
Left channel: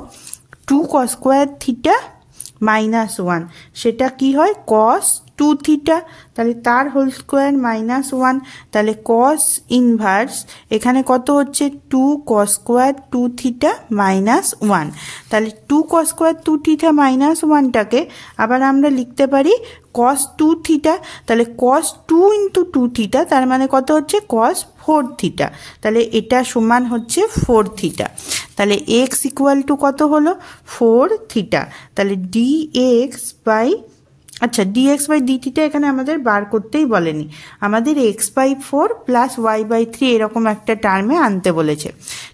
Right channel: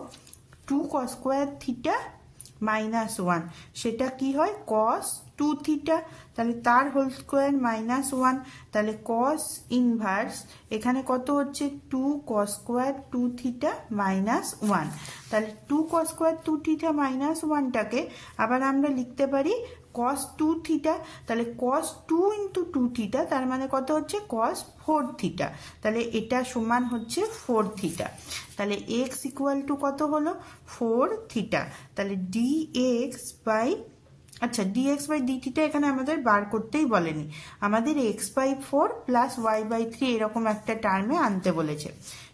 2 কস স্কোয়ার থিটা মাইনাস 1 সেটা কি হয় কস 2 থিটা, তাহলে তার হোল স্কোয়ার মাইনাস 1, তাহলে কস ইনভার্স এখানে কত হচ্ছে 2 কস স্কোয়ার 2 থিটা মাইনাস 1, তাহলে 2 কস স্কোয়ার 2 থিটা মাইনাস 1টাকে আবার আমরা লিখতে পারি কস 2 থিটা, তাহলে কস 2 ইন্টু 2 থিটা তার মানে কত হচ্ছে কস 4 থিটা, তাহলে এটা সমান হচ্ছে 4 থিটা, তাহলে এক্স ইকুয়াল টু কত হলো 4 থিটা, তাহলে dx by dx by d theta এখানে আমাদের বার করতেই বলেনি, আমাদের x/4 প্লাস y/3 এরকম একটা টার্মে আনতে বলেছে,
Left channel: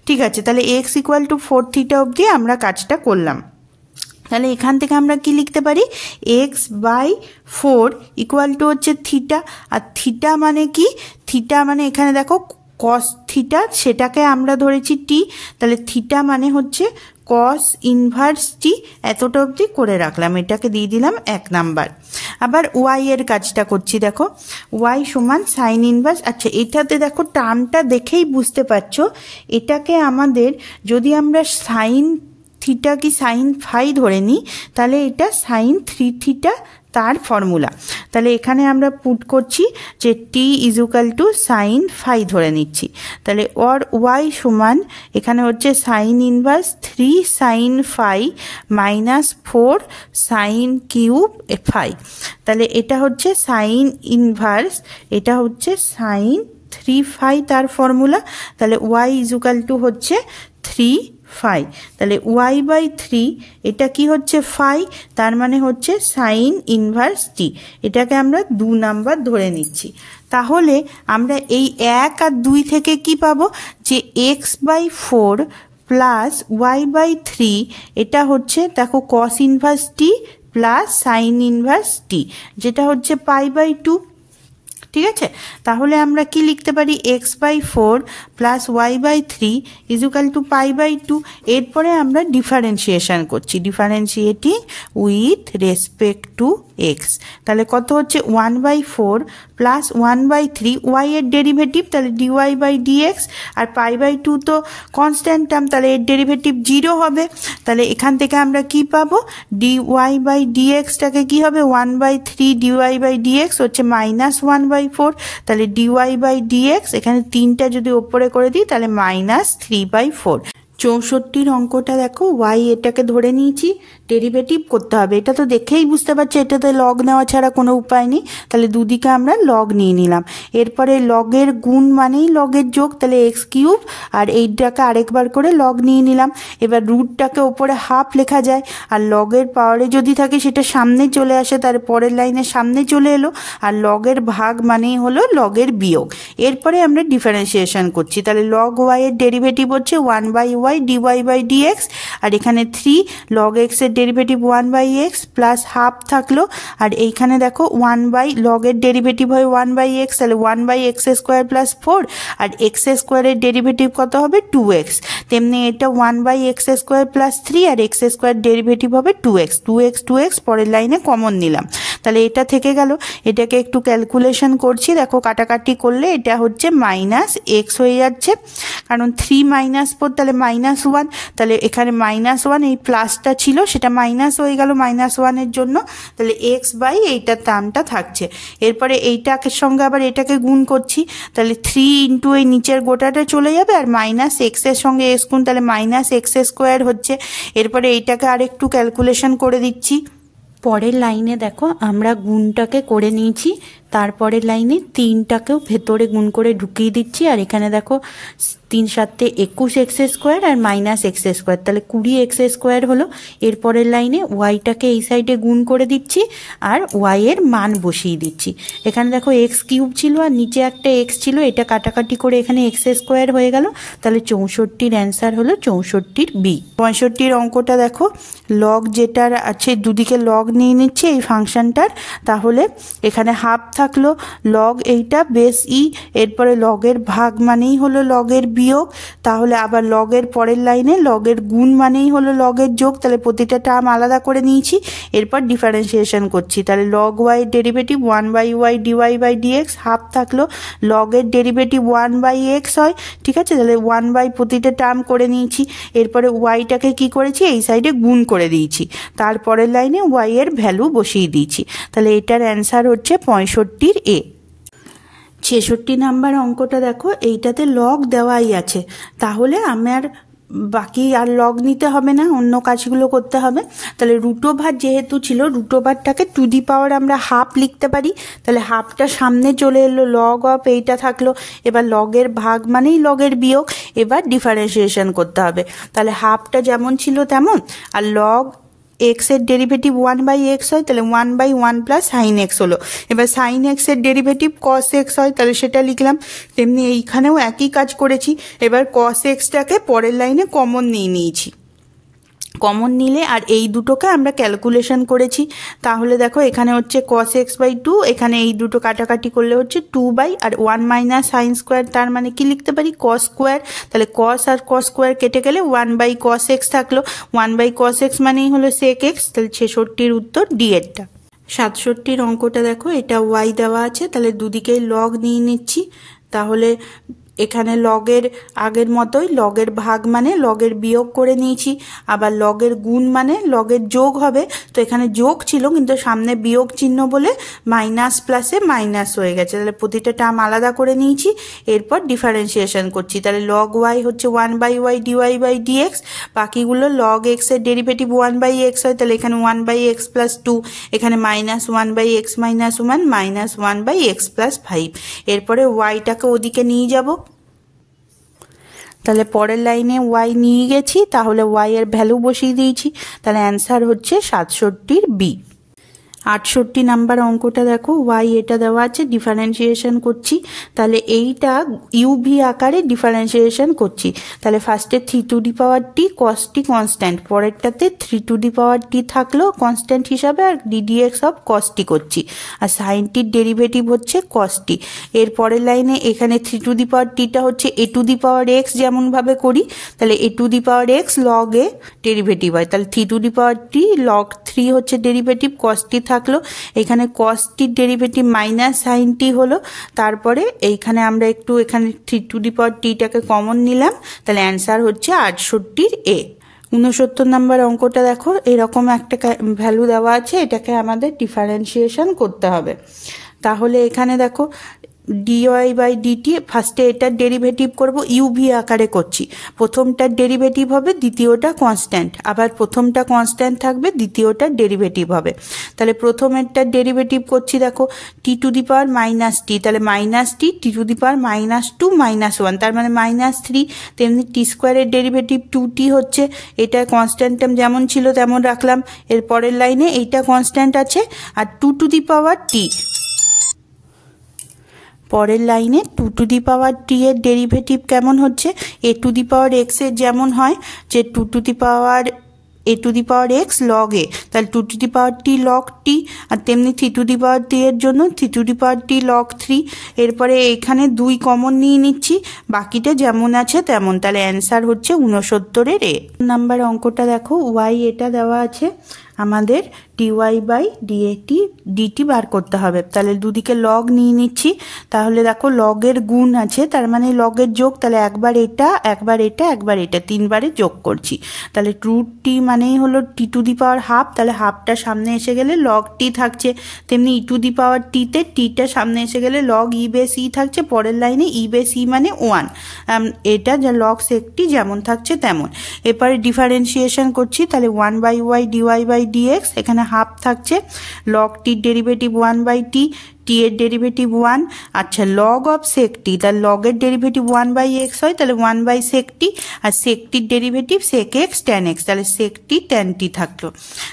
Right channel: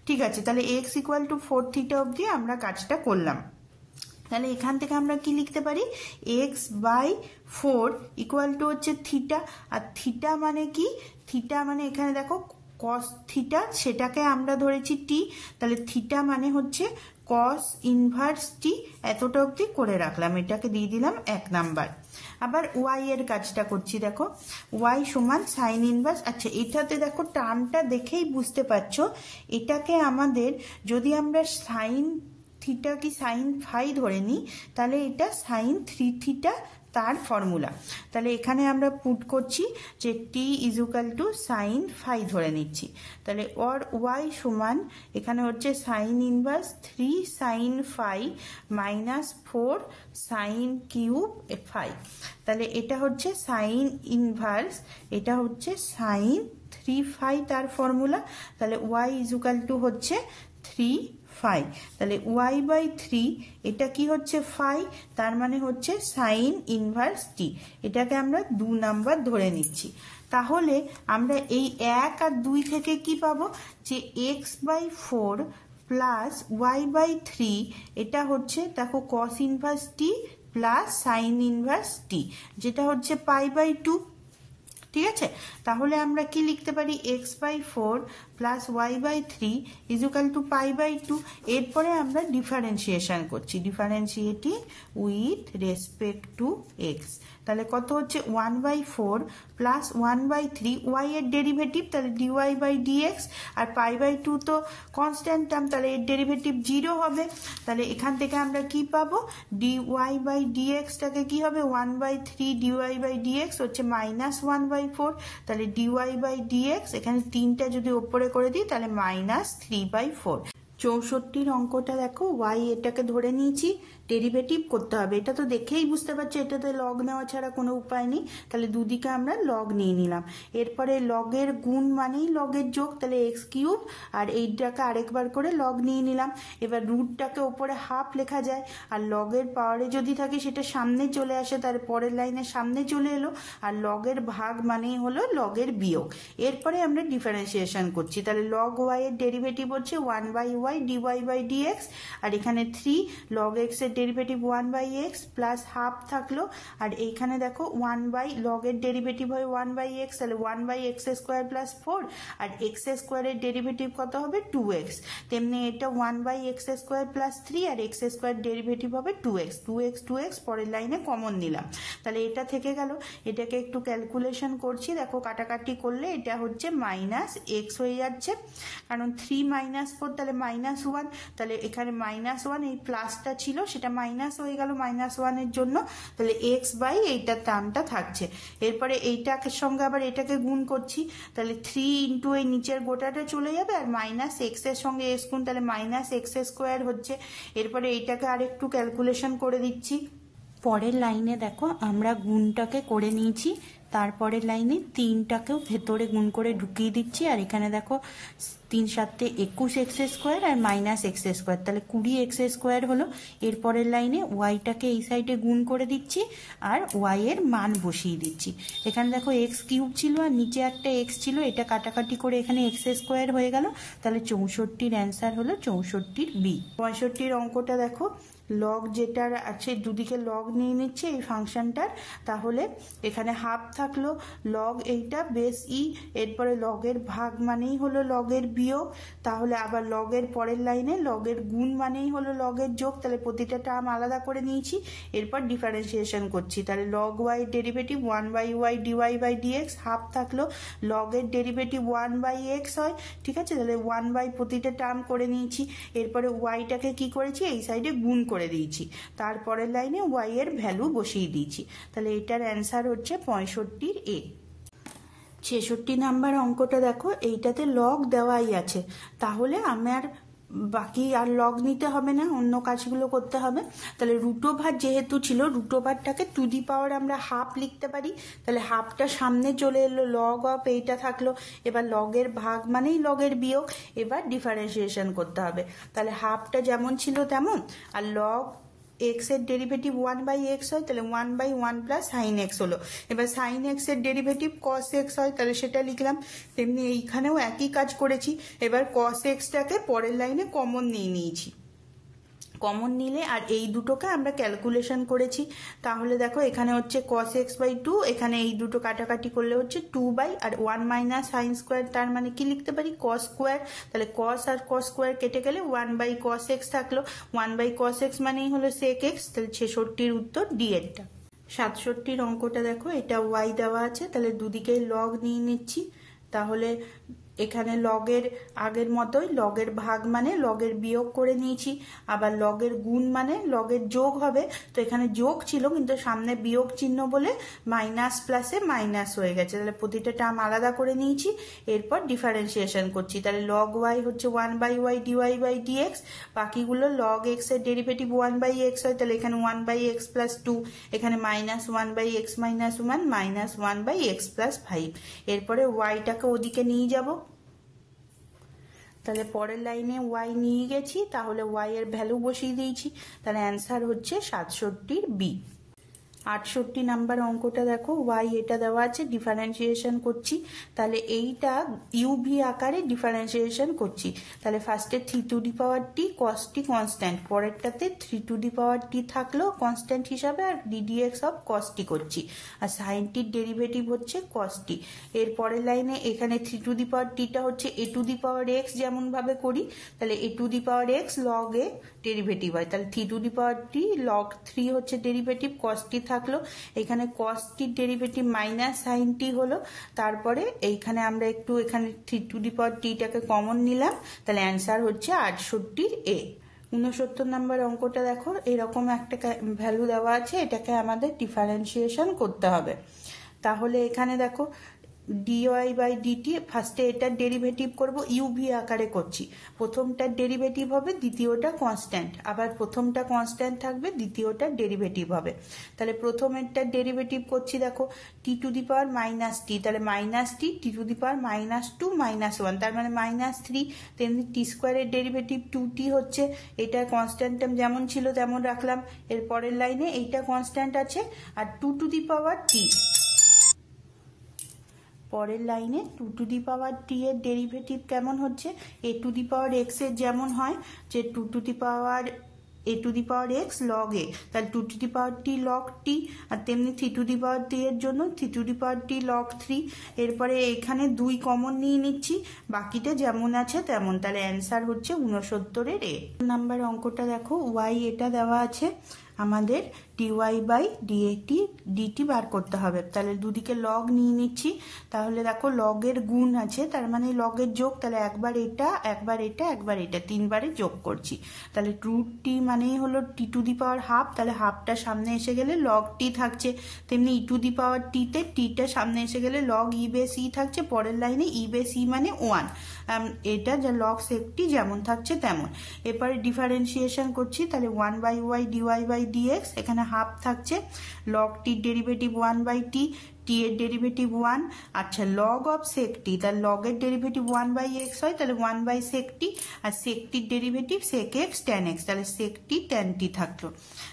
ঠিক আছে, তাহলে এক্স ইকুয়াল টু 4 থিটা অবধি আমরা কাজটা করলাম, তাহলে এখান থেকে আমরা কি লিখতে পারি x/4 ইকুয়াল টু হচ্ছে থিটা, আর থিটা মানে কি থিটা মানে এখানে দেখো কস থিটা সেটাকে আমরা ধরেছি টি, তাহলে থিটা মানে হচ্ছে কস ইনভার্স টি, এতটা অবধি করে রাখলাম, এটাকে দিয়ে দিলাম 1 নাম্বার। আবার ওয়াই এর কাজটা করছি, দেখো ওয়াই সমান সাইন ইনভার্স, এটাতে দেখো টার্মটা দেখেই বুঝতে পারছো এটাকে আমাদের যদি আমরা সাইন থিটা কি সাইন ফাই ধরে নিই তাহলে এটা সাইন 3 থিটা তার ফর্মুলা, তাহলে এখানে আমরা পুট করছি যে t equal to sine phi ধরে নিচ্ছি, তাহলে ওর ওয়াই সমান এখানে হচ্ছে sine inverse 3 sine phi minus 4 sine cube phi, তাহলে এটা হচ্ছে সাইন ইনভার্স এটা হচ্ছে সাইন 3 ফাই তার ফর্মুলা, তাহলে ওয়াই ইজুকাল টু হচ্ছে 3 ফাই, তাহলে y/3 এটা কি হচ্ছে ফাই, তার মানে হচ্ছে সাইন ইনভার্স টি, এটাকে আমরা 2 নাম্বার ধরে নিচ্ছি, তাহলে আমরা এই 1 আর 2 থেকে কি পাবো যে x/4 প্লাস y/3 এটা হচ্ছে দেখো কস ইনভার্স টি প্লাস সাইন ইনভার্স টি যেটা হচ্ছে π/2, ঠিক আছে, তাহলে আমরা কি লিখতে পারি, x/4 plus y/3 equal to π/2। এরপরে আমরা ডিফারেন্সিয়েশন করছি, differentiating with respect to x. তাহলে কত হচ্ছে 1/4 প্লাস 1/3 ওয়াই এর ডেরিভেটিভ, তাহলে dy/dx, আর π/2 তো কনস্ট্যান্ট টার্ম, তাহলে এর ডেরিভেটিভ 0 হবে। তাহলে এখান থেকে আমরা কি পাবো, dy/dxটাকে কি হবে 1/3 dy/dx হচ্ছে -1/4, তাহলে dy/dx এখানে 3টা যদি ওপরে করে দিই তাহলে -3/4। 64 অঙ্কটা দেখো, y এটাকে ধরে নিয়েছি, ডেরিভেটিভ করতে হবে। এটা তো দেখেই বুঝতে পারছি এটাতে লগ নেওয়া ছাড়া কোনো উপায় নেই, তাহলে দুদিকে আমরা লগ নিয়ে নিলাম। এরপরে লগের গুণ মানেই লগের যোগ, তাহলে x3, আর এইটাকে আরেকবার করে লগ নিয়ে নিলাম। এবার রুটটাকে ওপরে হাফ লেখা যায়, আর লগের পাওয়ারে যদি থাকে সেটা সামনে চলে আসে, তার পরের লাইনের সামনে চলে এলো, আর লগের ভাগ মানেই হলো লগের বিয়োগ। এরপরে আমরা ডিফারেন্সিয়েশন করছি, তাহলে লগ y এর ডেরিভেটিভ হচ্ছে 1/y dy/dx, আর এখানে 3 log x এর ডেরিভেটিভ 1/x প্লাস হাফ থাকলো, আর এইখানে দেখো 1 লগের ডেরিভেটিভ হয় 1/x, তাহলে 1/x² প্লাস 4, আর x² এর ডেরিভেটিভ কত হবে 2x, তেমনি এটা 1/x² প্লাস 3, আর x² ডেরিভেটিভ হবে 2x পরের লাইনে কমন নিলাম, তাহলে এটা থেকে গেল। এটাকে একটু ক্যালকুলেশন করছি, দেখো কাটাকাটি করলে এটা হচ্ছে -x হয়ে যাচ্ছে, কারণ 3 -4 তাহলে -1, তাহলে এখানে -1, এই প্লাসটা ছিল সেটা মাইনাস হয়ে গেল -1 জন্য, তাহলে x/এইটার টার্মটা থাকছে। এরপরে এইটাকে সঙ্গে আবার এটাকে গুণ করছি, তাহলে 3 ইন্টু এই নিচের গোটাটা চলে যাবে, আর -x এর সঙ্গে x গুণ, তাহলে -x² হচ্ছে। এরপরে এইটাকে আরেকটু ক্যালকুলেশন করে দিচ্ছি। পরের লাইনে দেখো আমরা গুণটাকে করে নিয়েছি, তারপরের লাইনে 3টাকেও ভেতরে গুণ করে ঢুকিয়ে দিচ্ছি, আর এখানে দেখো 3 7 21x² আর -x², তাহলে 20x² হলো। এরপরের লাইনে ওয়াইটাকে এই সাইডে গুণ করে দিচ্ছি, আর ওয়াই এর মান বসিয়ে দিচ্ছি। এখানে দেখো x³ ছিল আর নিচে একটা x ছিল, এটা কাটাকাটি করে এখানে x² হয়ে গেল, তাহলে 64-র অ্যান্সার হলো 64-র বি। 65-র অঙ্কটা দেখো, লগ যেটার আছে দুদিকে লগ নিয়ে নিচ্ছে এই ফাংশনটার, তাহলে এখানে হাফ থাকলো, লগ এইটা বেস ই, এরপরে লগের ভাগ মানেই হলো লগের বিয়োগ, তাহলে আবার লগের পরের লাইনে লগের গুণ মানেই হলো লগের যোগ, তাহলে প্রতিটা টার্ম আলাদা করে নিয়েছি। এরপর ডিফারেন্সিয়েশন করছি, তাহলে লগ ওয়াই এর ডেরিভেটিভ 1/y dy/dx, হাফ থাকলো, লগের ডেরিভেটিভ 1/x হয়, ঠিক আছে, তাহলে 1/ প্রতিটা টার্ম করে নিয়েছি। এরপরে ওয়াইটাকে কি করেছি, এই সাইডে গুণ করে দিয়েছি, তারপরের লাইনে ওয়াই এর ভ্যালু বসিয়ে দিয়েছি, তাহলে এটার অ্যান্সার হচ্ছে 65-র এ। 66 নাম্বার অঙ্কটা দেখো, এইটাতে লগ দেওয়াই আছে, তাহলে আমার বাকি আর লগ নিতে হবে না, অন্য কাজগুলো করতে হবে। তাহলে রুটোভার যেহেতু ছিল, রুটোভারটাকে টু দি পাওয়ার আমরা হাফ লিখতে পারি, তাহলে হাফটা সামনে চলে এলো, লগ অফ এইটা থাকলো, এবার লগের ভাগ মানেই লগের বিয়োগ, এবার ডিফারেন্সিয়েশন করতে হবে, তাহলে হাফটা যেমন ছিল তেমন, আর লগ x এর ডেরিভেটিভ 1/x হয়, তাহলে 1/1 প্লাস সাইন এক্স হলো। এবার সাইন এক্স এর ডেরিভেটিভ কস এক্স হয়, তাহলে সেটা লিখলাম। তেমনি এইখানেও একই কাজ করেছি, এবার কস এক্সটাকে পরের লাইনে কমন নিয়ে নিয়েছি, কমন নিলে আর এই দুটোকে আমরা ক্যালকুলেশন করেছি, তাহলে দেখো এখানে হচ্ছে cos x/2, এখানে এই দুটো কাটাকাটি করলে হচ্ছে 2 আর 1 মাইনাস সাইন স্কোয়ার, তার মানে কি লিখতে পারি cos স্কোয়ার, তাহলে cos আর cos স্কোয়ার কেটে গেলে 1/cos x থাকলো, 1/cos x মানেই হলো sec x, তাহলে 66-র উত্তর ডি এরটা। 67-র অঙ্কটা দেখো, এটা y দেওয়া আছে, তাহলে দুদিকেই লগ নিয়ে নিচ্ছি, তাহলে এখানে লগের আগের মতোই লগের ভাগ মানে লগের বিয়োগ করে নিয়েছি, আবার লগের গুণ মানে লগের যোগ হবে, তো এখানে যোগ ছিল কিন্তু সামনে বিয়োগ চিহ্ন বলে মাইনাস প্লাসে মাইনাস হয়ে গেছে, তাহলে প্রতিটা টার্ম আলাদা করে নিয়েছি। এরপর ডিফারেন্সিয়েশন করছি, তাহলে লগ ওয়াই হচ্ছে 1/y dy/dx, বাকিগুলো লগ এক্স এর ডেরিভেটিভ 1/x হয়, তাহলে এখানে 1/x প্লাস 2, এখানে -1/x - 1 -1/x প্লাস 5। এরপরে ওয়াইটাকে ওদিকে নিয়ে যাব, তাহলে পরের লাইনে ওয়াই নিয়ে গেছি, তাহলে ওয়াই এর ভ্যালু বসিয়ে দিয়েছি, তাহলে অ্যান্সার হচ্ছে 67-র বি। 68 নাম্বার অঙ্কটা দেখো, ওয়াই এটা দেওয়া আছে, ডিফারেন্সিয়েশন করছি। তাহলে এইটা ইউভি আকারে ডিফারেন্সিয়েশন করছি। তাহলে ফার্স্টে 3 to the power t cos t constant, পরেরটাতে 3 টু দি পাওয়ার টি থাকলো কনস্ট্যান্ট হিসাবে, আর ডিডিএক্স অফ কস টি করছি, আর সাইন টির ডেরিভেটিভ হচ্ছে কস টি। এর পরের লাইনে এখানে 3 টু দি পাওয়ার টিটা হচ্ছে এ টু দি পাওয়ার এক্স, যেমনভাবে করি। তাহলে a to the power x log a derivative হয়, তাহলে 3 to the power T log 3 হচ্ছে ডেরিভেটিভ, কস টি থাকলো। এখানে কস টির ডেরিভেটিভ মাইনাস সাইন টি হলো। তারপরে এইখানে আমরা একটু এখানে 3 টু দি পাওয়ার টিটাকে কমন নিলাম, তাহলে অ্যান্সার হচ্ছে 68 এ। 69 নাম্বার অঙ্কটা দেখো, এরকম একটা ভ্যালু দেওয়া আছে, এটাকে আমাদের ডিফারেন্সিয়েশন করতে হবে। তাহলে এখানে দেখো ডিওয়াই বাই ডিটি, ফার্স্টে এটার ডেরিভেটিভ করব, ইউভি আকারে করছি। প্রথমটার ডেরিভেটিভ হবে, দ্বিতীয়টা কনস্ট্যান্ট, আবার প্রথমটা কনস্ট্যান্ট থাকবে, দ্বিতীয়টার ডেরিভেটিভ হবে। তাহলে প্রথমেরটার ডেরিভেটিভ করছি, দেখো টি to the power minus t, তাহলে minus t, t to the power minus two minus one, তার মানে -3। তেমনি টি স্কোয়ারের ডেরিভেটিভ 2t হচ্ছে, এটা কনস্ট্যান্ট টার্ম যেমন ছিল তেমন রাখলাম। এর পরের লাইনে এইটা কনস্ট্যান্ট আছে, আর 2 টু দি পাওয়ার টি, পরের লাইনে 2 টু দি পাওয়ার টি এর ডেরিভেটিভ কেমন হচ্ছে, এ টু দি পাওয়ার এক্স এর যেমন হয় যে 2 to the power a to the power x log a, তাহলে 2 to the power T log t, আর তেমনি 3 টু দি পাওয়ার টি এর জন্য 3 to the power T log 3। এরপরে এখানে 2 কমন নিয়ে নিচ্ছি, বাকিটা যেমন আছে তেমন। তাহলে অ্যান্সার হচ্ছে 69 এ। নাম্বার অঙ্কটা দেখো, ওয়াই এটা দেওয়া আছে, আমাদের ডিওয়াই বাই ডিটি বার করতে হবে। তাহলে দুদিকে লগ নিয়ে নিচ্ছি, তাহলে দেখো লগের গুণ আছে, তার মানে লগের যোগ, তাহলে একবার এটা একবার এটা একবার এটা, 3বারে যোগ করছি। তাহলে রুট টি মানেই হলো টি টু দি পাওয়ার হাফ, তাহলে হাফটা সামনে এসে গেলে লগ টি থাকছে। তেমনি ই টু দি পাওয়ার টিতে টিটা সামনে এসে গেলে লগ ই বেস ই থাকছে, পরের লাইনে ই বেস ই মানে 1, এটা যা লগ সেকটি যেমন থাকছে তেমন। এরপরে ডিফারেন্সিয়েশন করছি, তাহলে 1/y ডিওয়াই বাই ডিএক্স, এখানে হাফ থাকছে, লগ টির ডেরিভেটিভ 1/t, টি এর ডেরিভেটিভ 1। আচ্ছা, লগ অফ সেক টি, তাহলে লগের ডেরিভেটিভ 1/x হয়, তাহলে 1/sec t, আর সেক টির derivative sec x tan x, তাহলে sec t tan t থাকলো।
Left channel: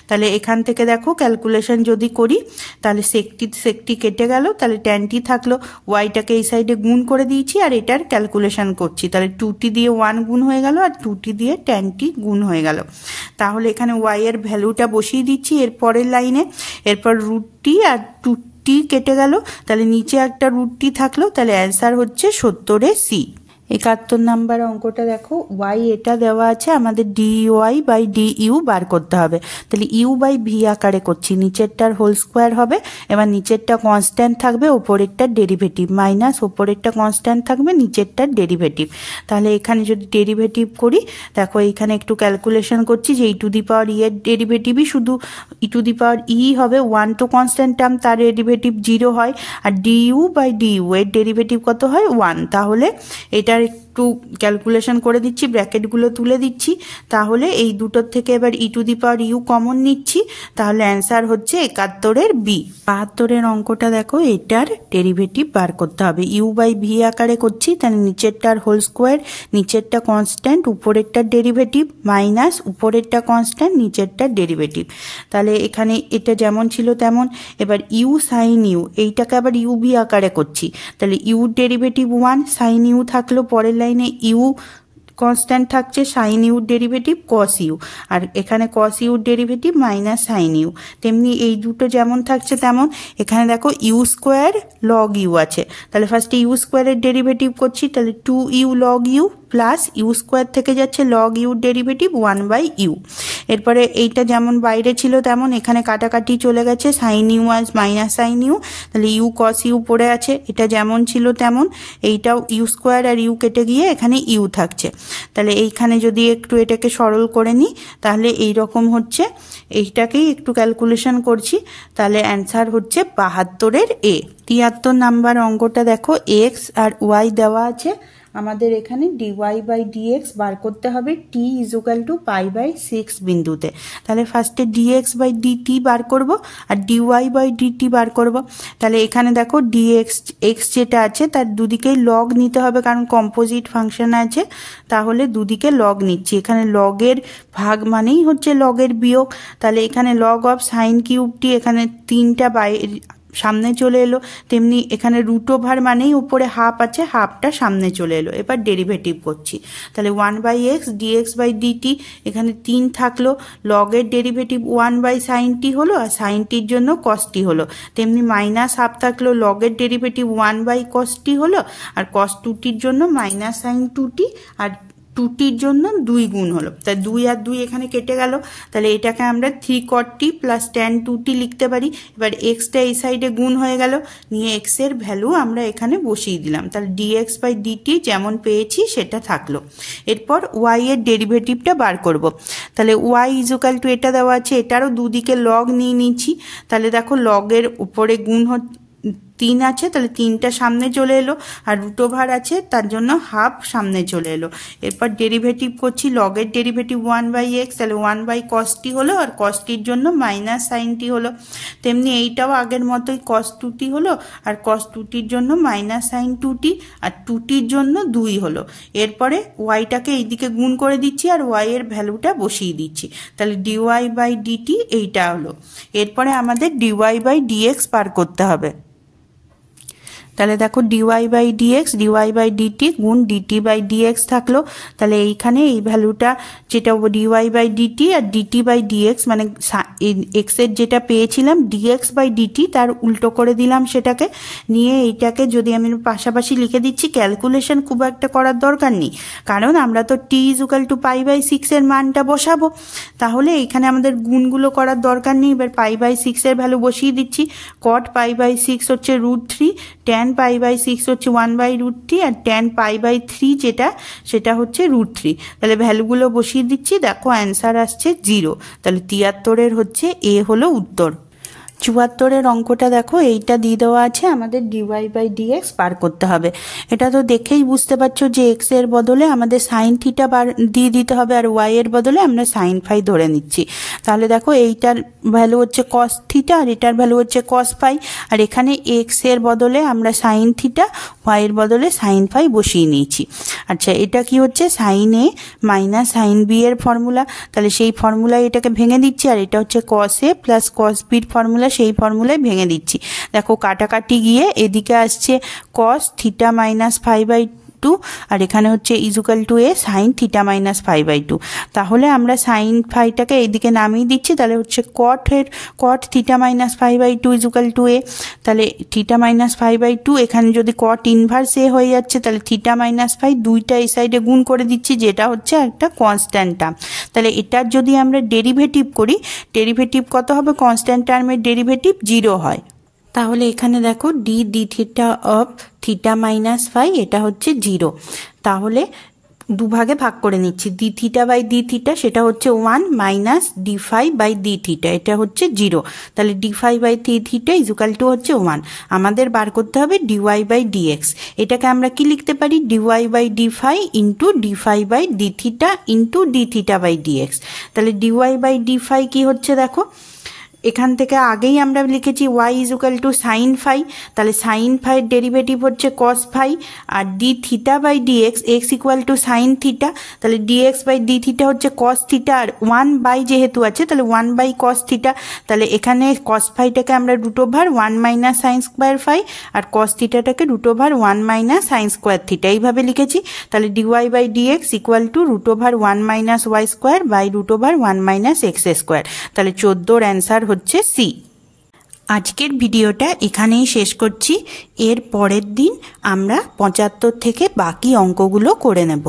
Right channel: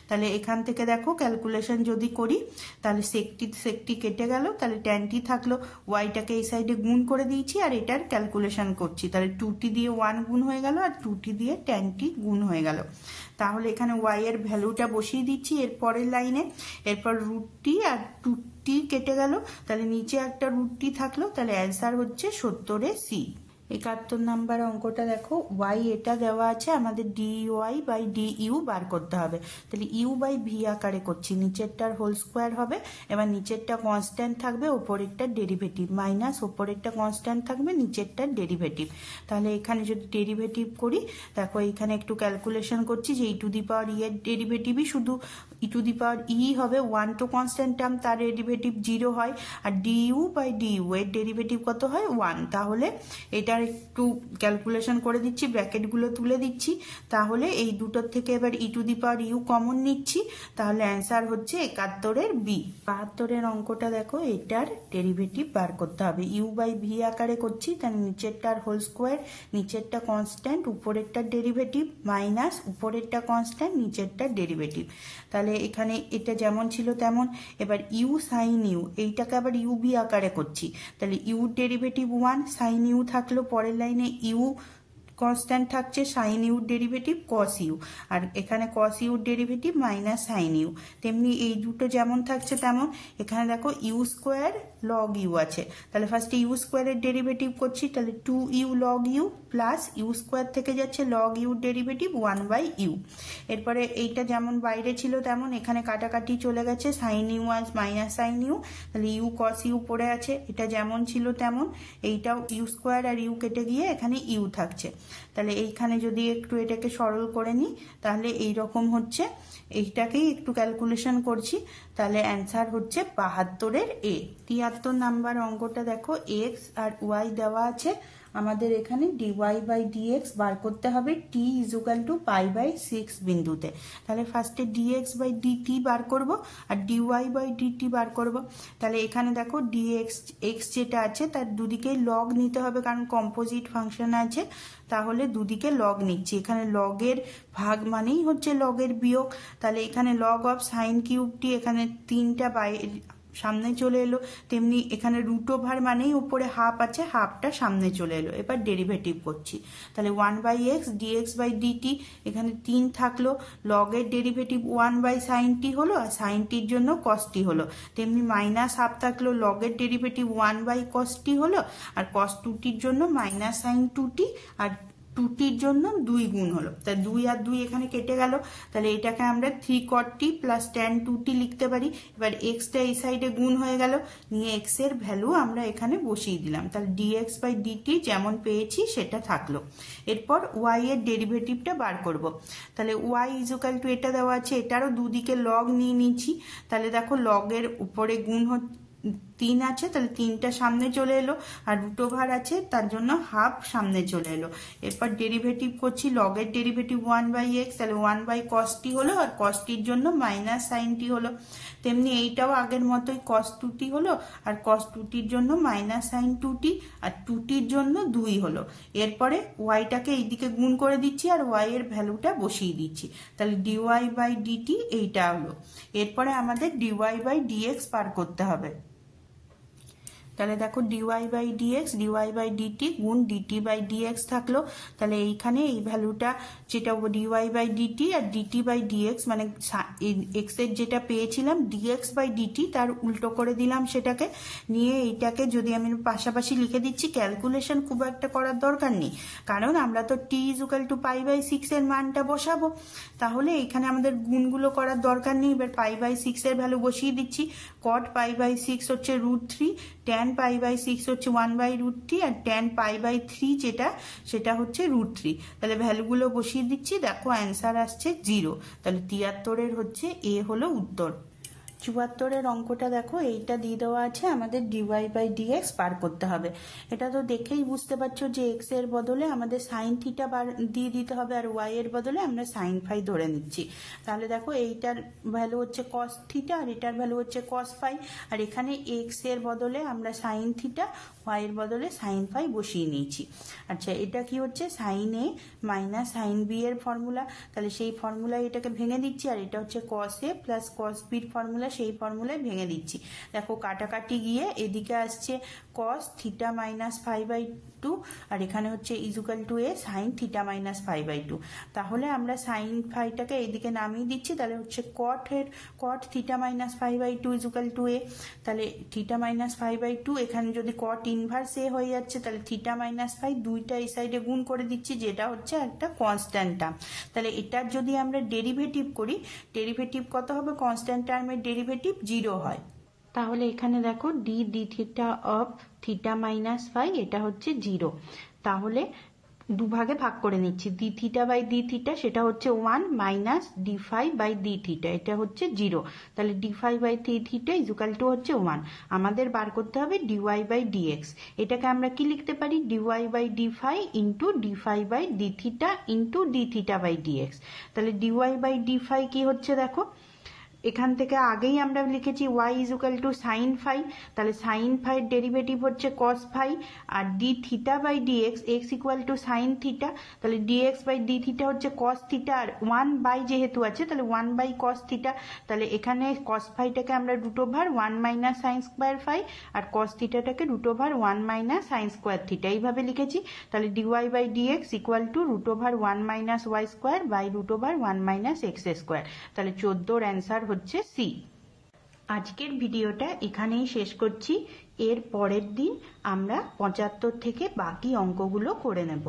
তাহলে এখান থেকে দেখো ক্যালকুলেশন যদি করি, তাহলে sec t কেটে গেল, তাহলে tan t থাকলো। ওয়াইটাকে এই সাইডে গুণ করে দিয়েছি, আর এটার ক্যালকুলেশন করছি, তাহলে 2t দিয়ে 1 গুণ হয়ে গেল, আর 2t দিয়ে tan t গুণ হয়ে গেল। তাহলে এখানে ওয়াই এর ভ্যালুটা বসিয়ে দিচ্ছি এর পরের লাইনে। এরপর রুট টি আর 2t কেটে গেল, তাহলে নিচে একটা রুট টি থাকলো, তাহলে অ্যান্সার হচ্ছে 70 সি। 71 নাম্বার অঙ্কটা দেখো, ওয়াই এটা দেওয়া আছে, আমাদের ডিওয়াই বাই ডিইউ বার করতে হবে। তাহলে ইউ বাই ভি আকারে করছি, নিচেরটার হোল স্কোয়ার হবে, এবার নিচেরটা কনস্ট্যান্ট থাকবে, ওপরেরটার ডেরিভেটিভ মাইনাস ওপরেরটা কনস্ট্যান্ট থাকবে, নিচেরটার ডেরিভেটিভ। তাহলে এখানে যদি ডেরিভেটিভ করি, দেখো এইখানে একটু ক্যালকুলেশন করছি যে ই টু দি পাওয়ার ই এর ডেরিভেটিভই শুধু ই টু দি পাওয়ার ই হবে, 1 তো কনস্ট্যান্ট টার্ম, তার ডেরিভেটিভ 0 হয়, আর ডিইউ বাই ডিইউ এর ডেরিভেটিভ কত হয় 1। তাহলে এটা একটু ক্যালকুলেশন করে দিচ্ছি, ব্র্যাকেটগুলো তুলে দিচ্ছি। তাহলে এই দুটোর থেকে এবার e to the power u common নিচ্ছি, তাহলে অ্যান্সার হচ্ছে 71 বি। 72 অঙ্কটা দেখো, এটার ডেরিভেটিভ বার করতে হবে, ইউ বাই ভি আকারে করছি, তাহলে নিচেরটার হোল স্কোয়ার, নিচেরটা কনস্ট্যান্ট, উপরেরটার ডেরিভেটিভ মাইনাস উপরেরটা কনস্ট্যান্ট, নিচেরটার ডেরিভেটিভ। তাহলে এখানে এটা যেমন ছিল তেমন। এবার ইউ সাইন ইউ, এইটাকে আবার ইউ ভি আকারে করছি, তাহলে ইউ ডেরিভেটিভ 1, সাইন ইউ থাকলো, পরের লাইনে ইউ কনস্ট্যান্ট থাকছে, সাইন ইউর ডেরিভেটিভ কস ইউ, আর এখানে কস ইউর ডেরিভেটিভ মাইনাস সাইন ইউ। তেমনি এই দুটো যেমন থাকছে তেমন। এখানে দেখো ইউ স্কোয়ার লগ ইউ আছে, তাহলে ফার্স্টে ইউ স্কোয়ারের ডেরিভেটিভ করছি, তাহলে 2u log u plus u square থেকে যাচ্ছে লগ ইউর ডেরিভেটিভ 1/u। এরপরে এইটা যেমন বাইরে ছিল তেমন, এখানে কাটাকাটি চলে গেছে, সাইন ইউ আজ মাইনাস সাইন ইউ, তাহলে ইউ কস ইউ পড়ে আছে, এটা যেমন ছিল তেমন। এইটাও ইউ স্কোয়ার আর ইউ কেটে গিয়ে এখানে ইউ থাকছে, তাহলে এইখানে যদি একটু এটাকে সরল করে নিই, তাহলে এই রকম হচ্ছে। এইটাকেই একটু ক্যালকুলেশন করছি, তাহলে অ্যান্সার হচ্ছে 72 এ। 73 নাম্বার অঙ্কটা দেখো, এক্স আর ওয়াই দেওয়া আছে, আমাদের এখানে ডিওয়াই বাই ডিএক্স বার করতে হবে টি ইজুকাল টু π/6 বিন্দুতে। তাহলে ফার্স্টে ডিএক্স বাই ডিটি বার করব আর ডিওয়াই বাই ডিটি বার করব। তাহলে এখানে দেখো ডিএক্স এক্স যেটা আছে তার দুদিকেই লগ নিতে হবে, কারণ কম্পোজিট ফাংশন আছে, তাহলে দুদিকে লগ নিচ্ছি। এখানে লগের ভাগ মানেই হচ্ছে লগের বিয়োগ। তাহলে এখানে লগ অফ সাইন কিউবটি এখানে 3টা সামনে চলে এলো, তেমনি এখানে রুট ওভার মানেই উপরে হাফ আছে, হাফটা সামনে চলে এলো। এবার ডেরিভেটিভ করছি, তাহলে 1/x dx বাই ডিটি, এখানে 3 থাকলো, লগের ডেরিভেটিভ 1/sin t হলো আর সাইন টির জন্য cos t হলো, তেমনি মাইনাস হাফ থাকলো, লগের ডেরিভেটিভ 1/cos t হলো আর cos 2tর জন্য -sin 2t আর 2tর জন্য 2 গুণ হলো। তাই 2 আর 2 এখানে কেটে গেল। তাহলে এটাকে আমরা 3 cot t plus tan 2t লিখতে পারি। এবার এক্সটা এই সাইডে গুণ হয়ে গেল, নিয়ে এক্স এর ভ্যালু আমরা এখানে বসিয়ে দিলাম। তাহলে dx বাই dt যেমন পেয়েছি সেটা থাকলো। এরপর y এর ডেরিভেটিভটা বার করব। তাহলে y ইজুকাল টু এটা দেওয়া আছে, এটারও দুদিকে লগ নিয়ে নিচ্ছি। তাহলে দেখো লগের উপরে গুণ 3 আছে, তাহলে 3টা সামনে চলে এলো আর রুট ওভার আছে তার জন্য হাফ সামনে চলে এলো। এরপর ডেরিভেটিভ করছি, লগের ডেরিভেটিভ 1/x, তাহলে 1/cos t হলো আর cos t জন্য -sin t হলো। তেমনি এইটাও আগের মতোই cos 2t হলো আর cos 2tর জন্য -sin 2t আর 2tর জন্য 2 হলো। এরপরে yটাকে এইদিকে গুণ করে দিচ্ছি আর y এর ভ্যালুটা বসিয়ে দিচ্ছি। তাহলে dy বাই dt এইটা হলো। এরপরে আমাদের dy বাই dx পার করতে হবে। তাহলে দেখো dy by dx, dy by dt গুণ ডিটি বাই ডিএক্স থাকলো। তাহলে এইখানে এই ভ্যালুটা যেটা ডিওয়াই বাই ডিটি আর ডিটি বাই ডিএক্স, মানে এক্স এর যেটা পেয়েছিলাম ডিএক্স বাই ডিটি তার উল্টো করে দিলাম সেটাকে, নিয়ে এইটাকে যদি আমি পাশাপাশি লিখে দিচ্ছি, ক্যালকুলেশন খুব একটা করার দরকার নেই, কারণ আমরা তো টি ইজুকাল টু π/6 এর মানটা বসাবো। তাহলে এইখানে আমাদের গুণগুলো করার দরকার নেই। এবার π/6 এর ভ্যালু বসিয়ে দিচ্ছি। cot π/6 হচ্ছে √3, tan π/6 হচ্ছে 1/√3 আর tan π/3 যেটা সেটা হচ্ছে √3। তাহলে ভ্যালুগুলো বসিয়ে দিচ্ছি, দেখো অ্যান্সার আসছে 0। তাহলে 73-এর হচ্ছে এ হলো উত্তর। 74-এর অঙ্কটা দেখো, এইটা দিয়ে দেওয়া আছে, আমাদের ডিওয়াই বাই ডিএক্স বার করতে হবে। এটা তো দেখেই বুঝতে পারছো যে এক্স এর বদলে আমাদের সাইন থিটা দিয়ে দিতে হবে আর ওয়াই এর বদলে আমরা সাইন ফাই ধরে নিচ্ছি। তাহলে দেখো এইটার ভ্যালু হচ্ছে কস থিটা আর এটার ভ্যালু হচ্ছে কস ফাই, আর এখানে এক্স এর বদলে আমরা সাইন থিটা, ওয়াই এর বদলে সাইন ফাই বসিয়ে নিয়েছি। আচ্ছা, এটা কি হচ্ছে সাইন এ মাইনাস সাইন বি এর ফর্মুলা, তাহলে সেই ফর্মুলায় এটাকে ভেঙে দিচ্ছি, আর এটা হচ্ছে কস এ প্লাস কস বির ফর্মুলা, সেই ফর্মুলায় ভেঙে দিচ্ছি। দেখো কাটাকাটি গিয়ে এদিকে আসছে cos থিটা মাইনাস π/2 আর এখানে হচ্ছে equal to A sine theta minus π/2। তাহলে আমরা সাইন ফাইটাকে এইদিকে নামিয়ে দিচ্ছি, তাহলে হচ্ছে cot theta minus π/2 equal to a. তাহলে থিটা মাইনাস π/2 এখানে যদি cot ইনভার্স এ হয়ে যাচ্ছে, তাহলে থিটা মাইনাস ফাই দুইটা এই সাইডে গুণ করে দিচ্ছি, যেটা হচ্ছে একটা কনস্ট্যান্ট টার্ম। তাহলে এটার যদি আমরা ডেরিভেটিভ করি, ডেরিভেটিভ কত হবে? কনস্ট্যান্ট টার্মের ডেরিভেটিভ 0 হয়। তাহলে এখানে দেখো d theta of theta minus phi এটা হচ্ছে 0। তাহলে দুভাগে ভাগ করে নিচ্ছি, d theta by d theta সেটা হচ্ছে 1 minus d phi by d theta এটা হচ্ছে 0। তাহলে d phi by d theta equal to হচ্ছে 1। আমাদের বার করতে হবে ডিওয়াই বাই ডিএক্স। এটাকে আমরা কি লিখতে পারি? Dy by d phi into d phi by d theta into d theta by dx. তাহলে ডিওয়াই বাই ডি ফাই কি হচ্ছে দেখো, এখান থেকে আগেই আমরা লিখেছি y equal to sine phi, তাহলে সাইন ফাইয়ের ডেরিভেটিভ হচ্ছে কস ফাই আর d theta by dx, x equal to sine theta, তাহলে ডিএক্স বাই ডি থিটা হচ্ছে কস থিটা আর 1 যেহেতু আছে তাহলে 1/cos থিটা। তাহলে এখানে কস ফাইটাকে আমরা √1 মাইনাস সাইন স্কোয়ার ফাই আর কস থিটাটাকে √1 মাইনাস সাইন স্কোয়ার থিটা এইভাবে লিখেছি। তাহলে dy by dx equal to √1 minus y square by √1 minus x square. তাহলে 14-র অ্যান্সার হচ্ছে সি। আজকের ভিডিওটা এখানেই শেষ করছি। এর পরের দিন আমরা 75 থেকে বাকি অঙ্কগুলো করে নেব।